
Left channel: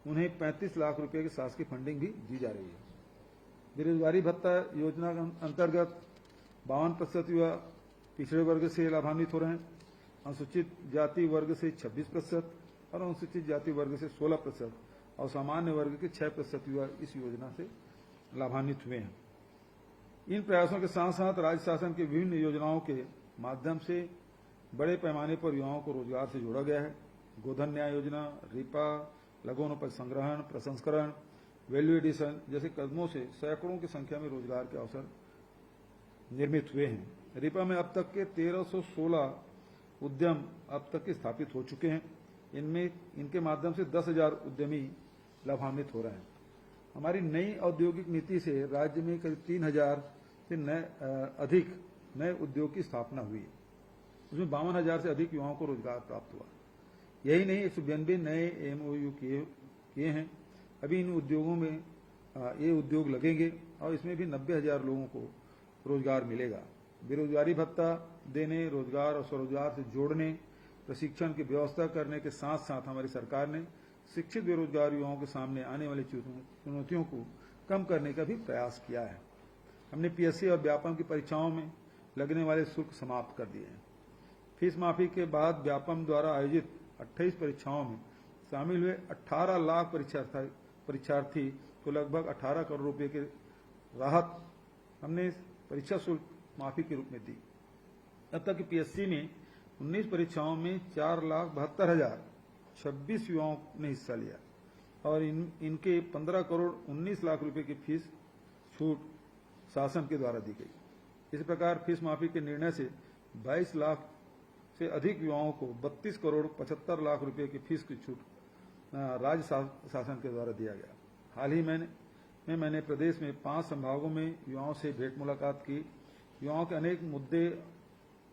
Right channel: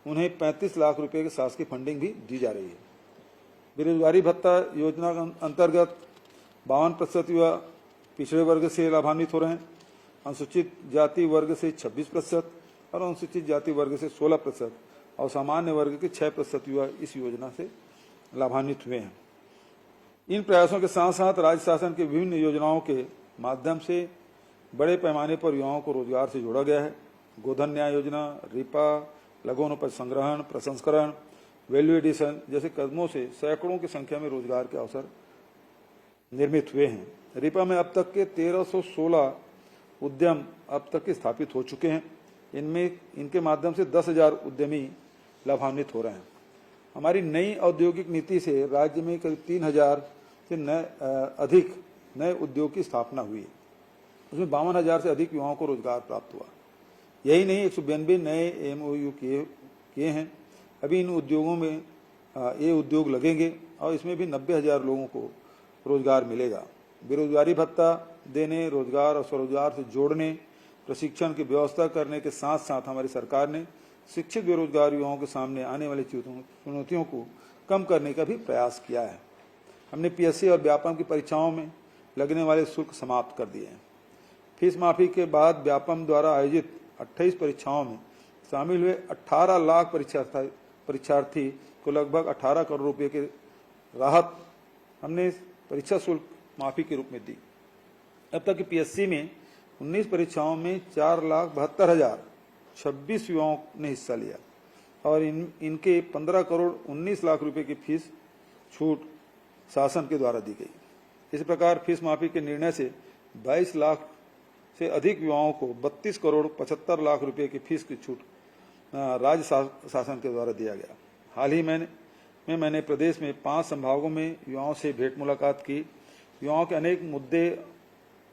उन्हें 35 लाख रुपए की शासकीय फंडिंग भी दी जा रही है। बेरोजगारी भत्ता योजना अंतर्गत 52% युवा पिछड़े वर्ग से लाभान्वित हो रहे हैं, अनुसूचित जाति वर्ग से 26% और अनुसूचित जाति वर्ग से 16% और सामान्य वर्ग के 6% युवा इस योजना से लाभान्वित हुए हैं। इन प्रयासों के साथ साथ राज्य शासन के विभिन्न योजनाओं के माध्यम से बड़े पैमाने पर युवाओं को रोजगार से जोड़ा गया है। गोधन न्याय योजना, रिपा, लघुवनोपज संग्रहण, प्रसंस्करण, वैल्यू एडिशन जैसे कदमों से सैकड़ों की संख्या में रोजगार के अवसर निर्मित हुए हैं। रिपा में अब तक के 1316 उद्यम अब तक के स्थापित हो चुके हैं। इनके माध्यम से 10,000 उद्यमी लाभान्वित हो रहे हैं। हमारी नई औद्योगिक नीति से राज्य में करीब 3,000 से अधिक नए उद्योग की स्थापना हुई। उसमें 52,000 से अधिक युवाओं को रोजगार प्राप्त हुआ। यही नहीं, 192 नए MOU किए हैं। अभी इन उद्योगों में ये उद्योग लगेंगे और इसमें भी 90,000 लोगों को रोजगार मिलेगा। बेरोजगारी भत्ता देने, रोजगार और स्वरोजगार से जोड़ने, प्रशिक्षण की व्यवस्था करने के साथ साथ हमारी सरकार ने शिक्षित बेरोजगार युवाओं के सामने आने वाली चुनौतियों को कम करने का भी प्रयास किया है। हमने PSC और व्यापम की परीक्षाओं में लगने वाले शुल्क समाप्त कर दिए हैं। फीस माफी के बाद व्यापम द्वारा आयोजित 28 परीक्षाओं में शामिल हुए 18 लाख परीक्षार्थी को लगभग 18 करोड़ रुपए की राहत हमने परीक्षा शुल्क माफी के रूप में दी। अब तक की PSC में 19 परीक्षाओं में 4,72,026 युवाओं ने हिस्सा लिया और इनके 15 करोड़ 19 लाख रुपए की फीस छूट शासन के द्वारा दी गई। इस प्रकार फीस माफी के निर्णय से 22 लाख से अधिक युवाओं को 32 करोड़ 75 लाख रुपए की फीस की छूट राज्य शासन के द्वारा दिया गया। हाल ही में मैंने प्रदेश में 5 संभागों में युवाओं से भेंट मुलाकात की। युवाओं के अनेक मुद्दे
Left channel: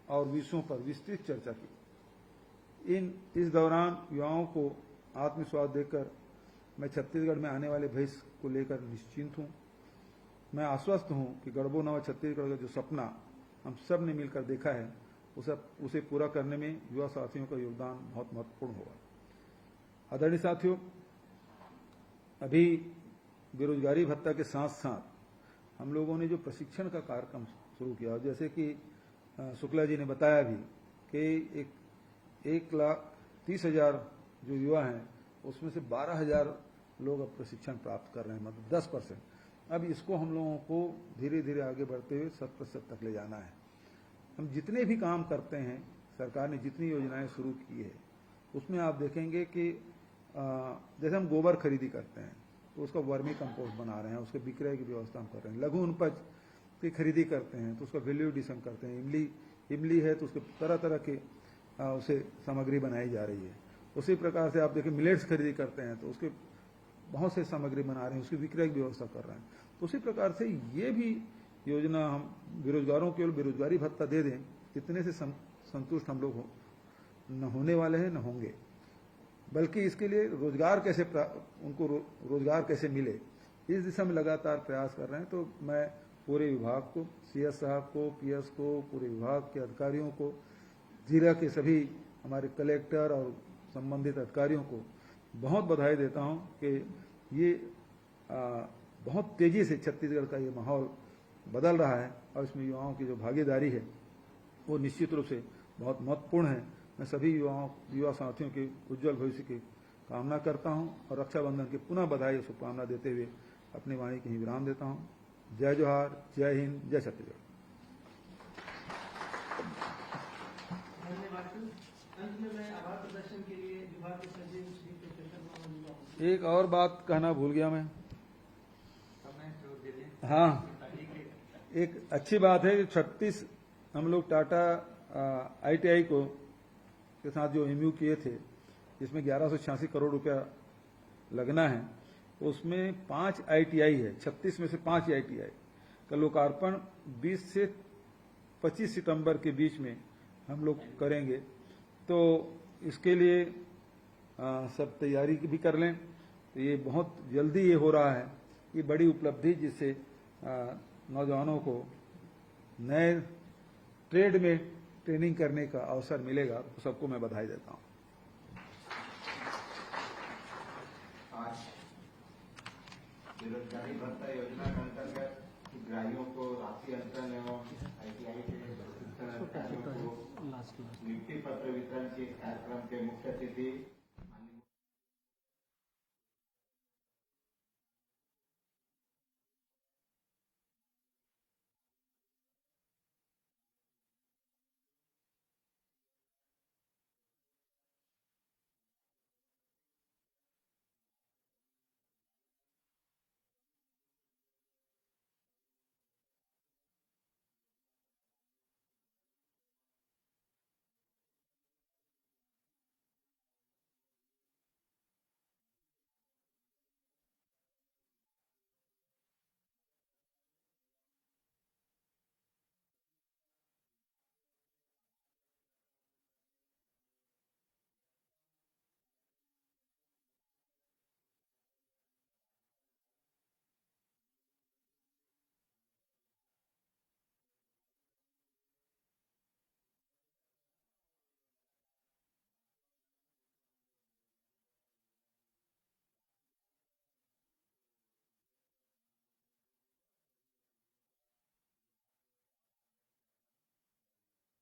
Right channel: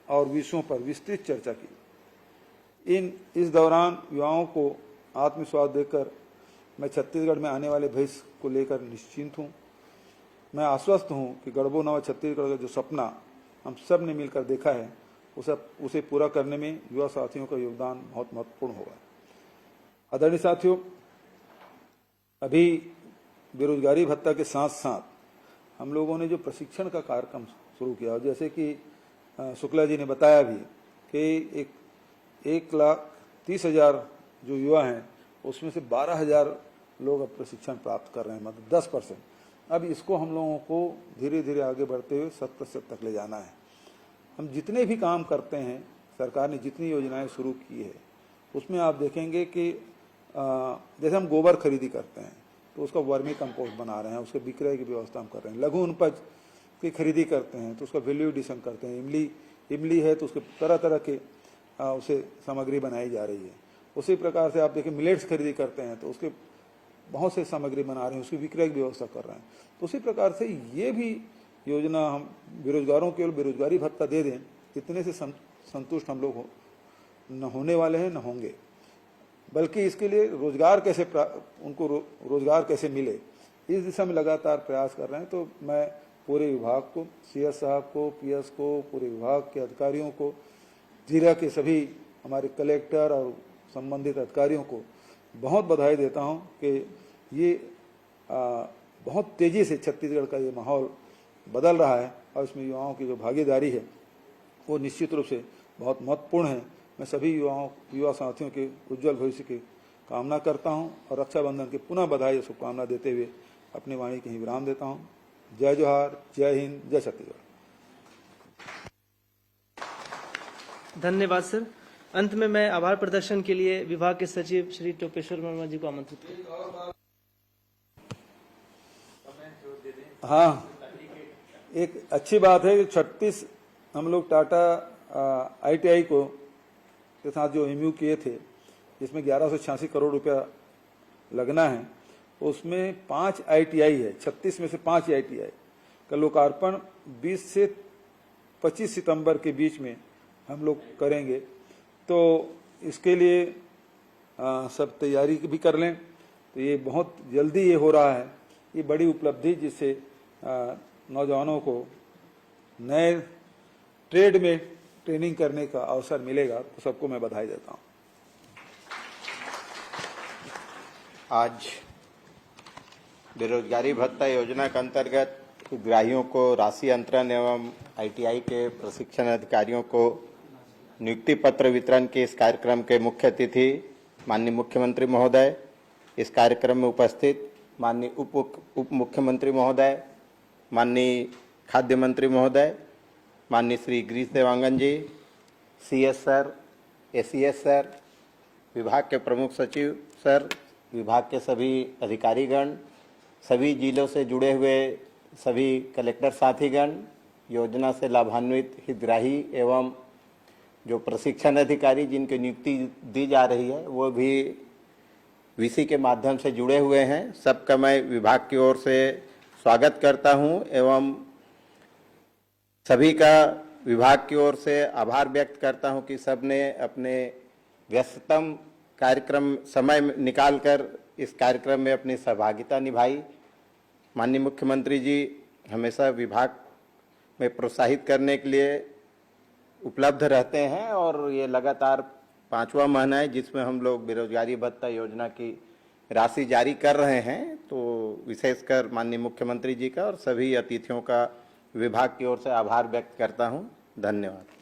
और विषयों पर विस्तृत चर्चा की। इस दौरान युवाओं को आत्मविश्वास देकर मैं छत्तीसगढ़ में आने वाले भविष्य को लेकर निश्चिंत हूँ। मैं आश्वस्त हूँ कि गढ़बो नवा छत्तीसगढ़ का जो सपना हम सब ने मिलकर देखा है उसे पूरा करने में युवा साथियों का योगदान बहुत महत्वपूर्ण होगा। आदरणीय साथियों, अभी बेरोजगारी भत्ता के साथ साथ हम लोगों ने जो प्रशिक्षण का कार्यक्रम शुरू किया, जैसे कि शुक्ला जी ने बताया भी कि 1,30,000 जो युवा हैं उसमें से 12,000 लोग अब प्रशिक्षण प्राप्त कर रहे हैं, मतलब 10%। अब इसको हम लोगों को धीरे धीरे आगे बढ़ते हुए 100% तक ले जाना है। हम जितने भी काम करते हैं, सरकार ने जितनी योजनाएं शुरू की है उसमें आप देखेंगे कि जैसे हम गोबर खरीदी करते हैं तो उसका वर्मी कंपोस्ट बना रहे हैं, उसके विक्रय की व्यवस्था हम कर रहे हैं। लघु उपज की खरीदी करते हैं तो उसका वैल्यू एडिशन करते हैं। इमली है तो उसके तरह तरह के उसे सामग्री बनाई जा रही है। उसी प्रकार से आप देखिए मिलेट्स खरीदी करते हैं तो उसके बहुत से सामग्री बना रहे हैं, उसकी विक्रय की व्यवस्था कर रहे हैं। तो उसी प्रकार से ये भी योजना हम बेरोजगारों केवल बेरोजगारी भत्ता दे दें, इतने से संतुष्ट हम लोग न होने वाले हैं, न होंगे, बल्कि इसके लिए रोजगार कैसे उनको रोजगार कैसे मिले, इस दिशा में लगातार प्रयास कर रहे हैं। तो मैं पूरे विभाग को, CS साहब को, PS को, पूरे विभाग के अधिकारियों को, जिला के सभी हमारे कलेक्टर और संबंधित अधिकारियों को बहुत बधाई देता हूं कि ये बहुत तेजी से छत्तीसगढ़ का ये माहौल बदल रहा है और इसमें युवाओं की जो भागीदारी है वो निश्चित रूप से बहुत महत्वपूर्ण है। मैं सभी युवा साथियों के उज्जवल भविष्य की कामना करता हूं और रक्षाबंधन की पुनः बधाई और शुभकामना देते हुए अपनी वाणी के ही विराम देता हूं। जय जोहार, जय हिंद, जय छत्तीसगढ़। धन्यवाद सर। अंत में मैं आभार प्रदर्शन के लिए विभाग के सचिव श्री टोपेश्वर वर्मा जी को आमंत्रित। एक और बात कहना भूल गया मैं। हाँ, एक अच्छी बात है कि 36 हम लोग टाटा ITI को के साथ जो MU किए थे, जिसमें 1186 करोड़ रुपया लगना है, उसमें 5 ITI है। 36 में से 5 ITI का लोकार्पण 20 से 25 सितंबर के बीच में हम लोग करेंगे। तो इसके लिए सब तैयारी भी कर लें। तो ये बहुत जल्दी ये हो रहा है, ये बड़ी उपलब्धि जिससे नौजवानों को नए ट्रेड में ट्रेनिंग करने का अवसर मिलेगा। तो सबको मैं बधाई देता हूँ। आज बेरोजगारी भत्ता योजना के अंतर्गत हितग्राहियों को राशि अंतरण एवं ITI के प्रशिक्षण अधिकारियों को नियुक्ति पत्र वितरण के इस कार्यक्रम के मुख्य अतिथि माननीय मुख्यमंत्री महोदय, इस कार्यक्रम में उपस्थित माननीय उप मुख्यमंत्री महोदय, माननीय खाद्य मंत्री महोदय, माननीय श्री गिरीश देवांगन जी, CS सर, ACS सर, विभाग के प्रमुख सचिव सर, विभाग के सभी अधिकारीगण, सभी जिलों से जुड़े हुए सभी कलेक्टर साथीगण, योजना से लाभान्वित हितग्राही एवं जो प्रशिक्षण अधिकारी जिनकी नियुक्ति दी जा रही है वो भी VC के माध्यम से जुड़े हुए हैं, सबका मैं विभाग की ओर से स्वागत करता हूं एवं सभी का विभाग की ओर से आभार व्यक्त करता हूं कि सबने अपने व्यस्ततम कार्यक्रम समय निकालकर इस कार्यक्रम में अपनी सहभागिता निभाई। माननीय मुख्यमंत्री जी हमेशा विभाग में प्रोत्साहित करने के लिए उपलब्ध रहते हैं और ये लगातार 5वां महीना है जिसमें हम लोग बेरोजगारी भत्ता योजना की राशि जारी कर रहे हैं। तो विशेषकर माननीय मुख्यमंत्री जी का और सभी अतिथियों का विभाग की ओर से आभार व्यक्त करता हूं। धन्यवाद।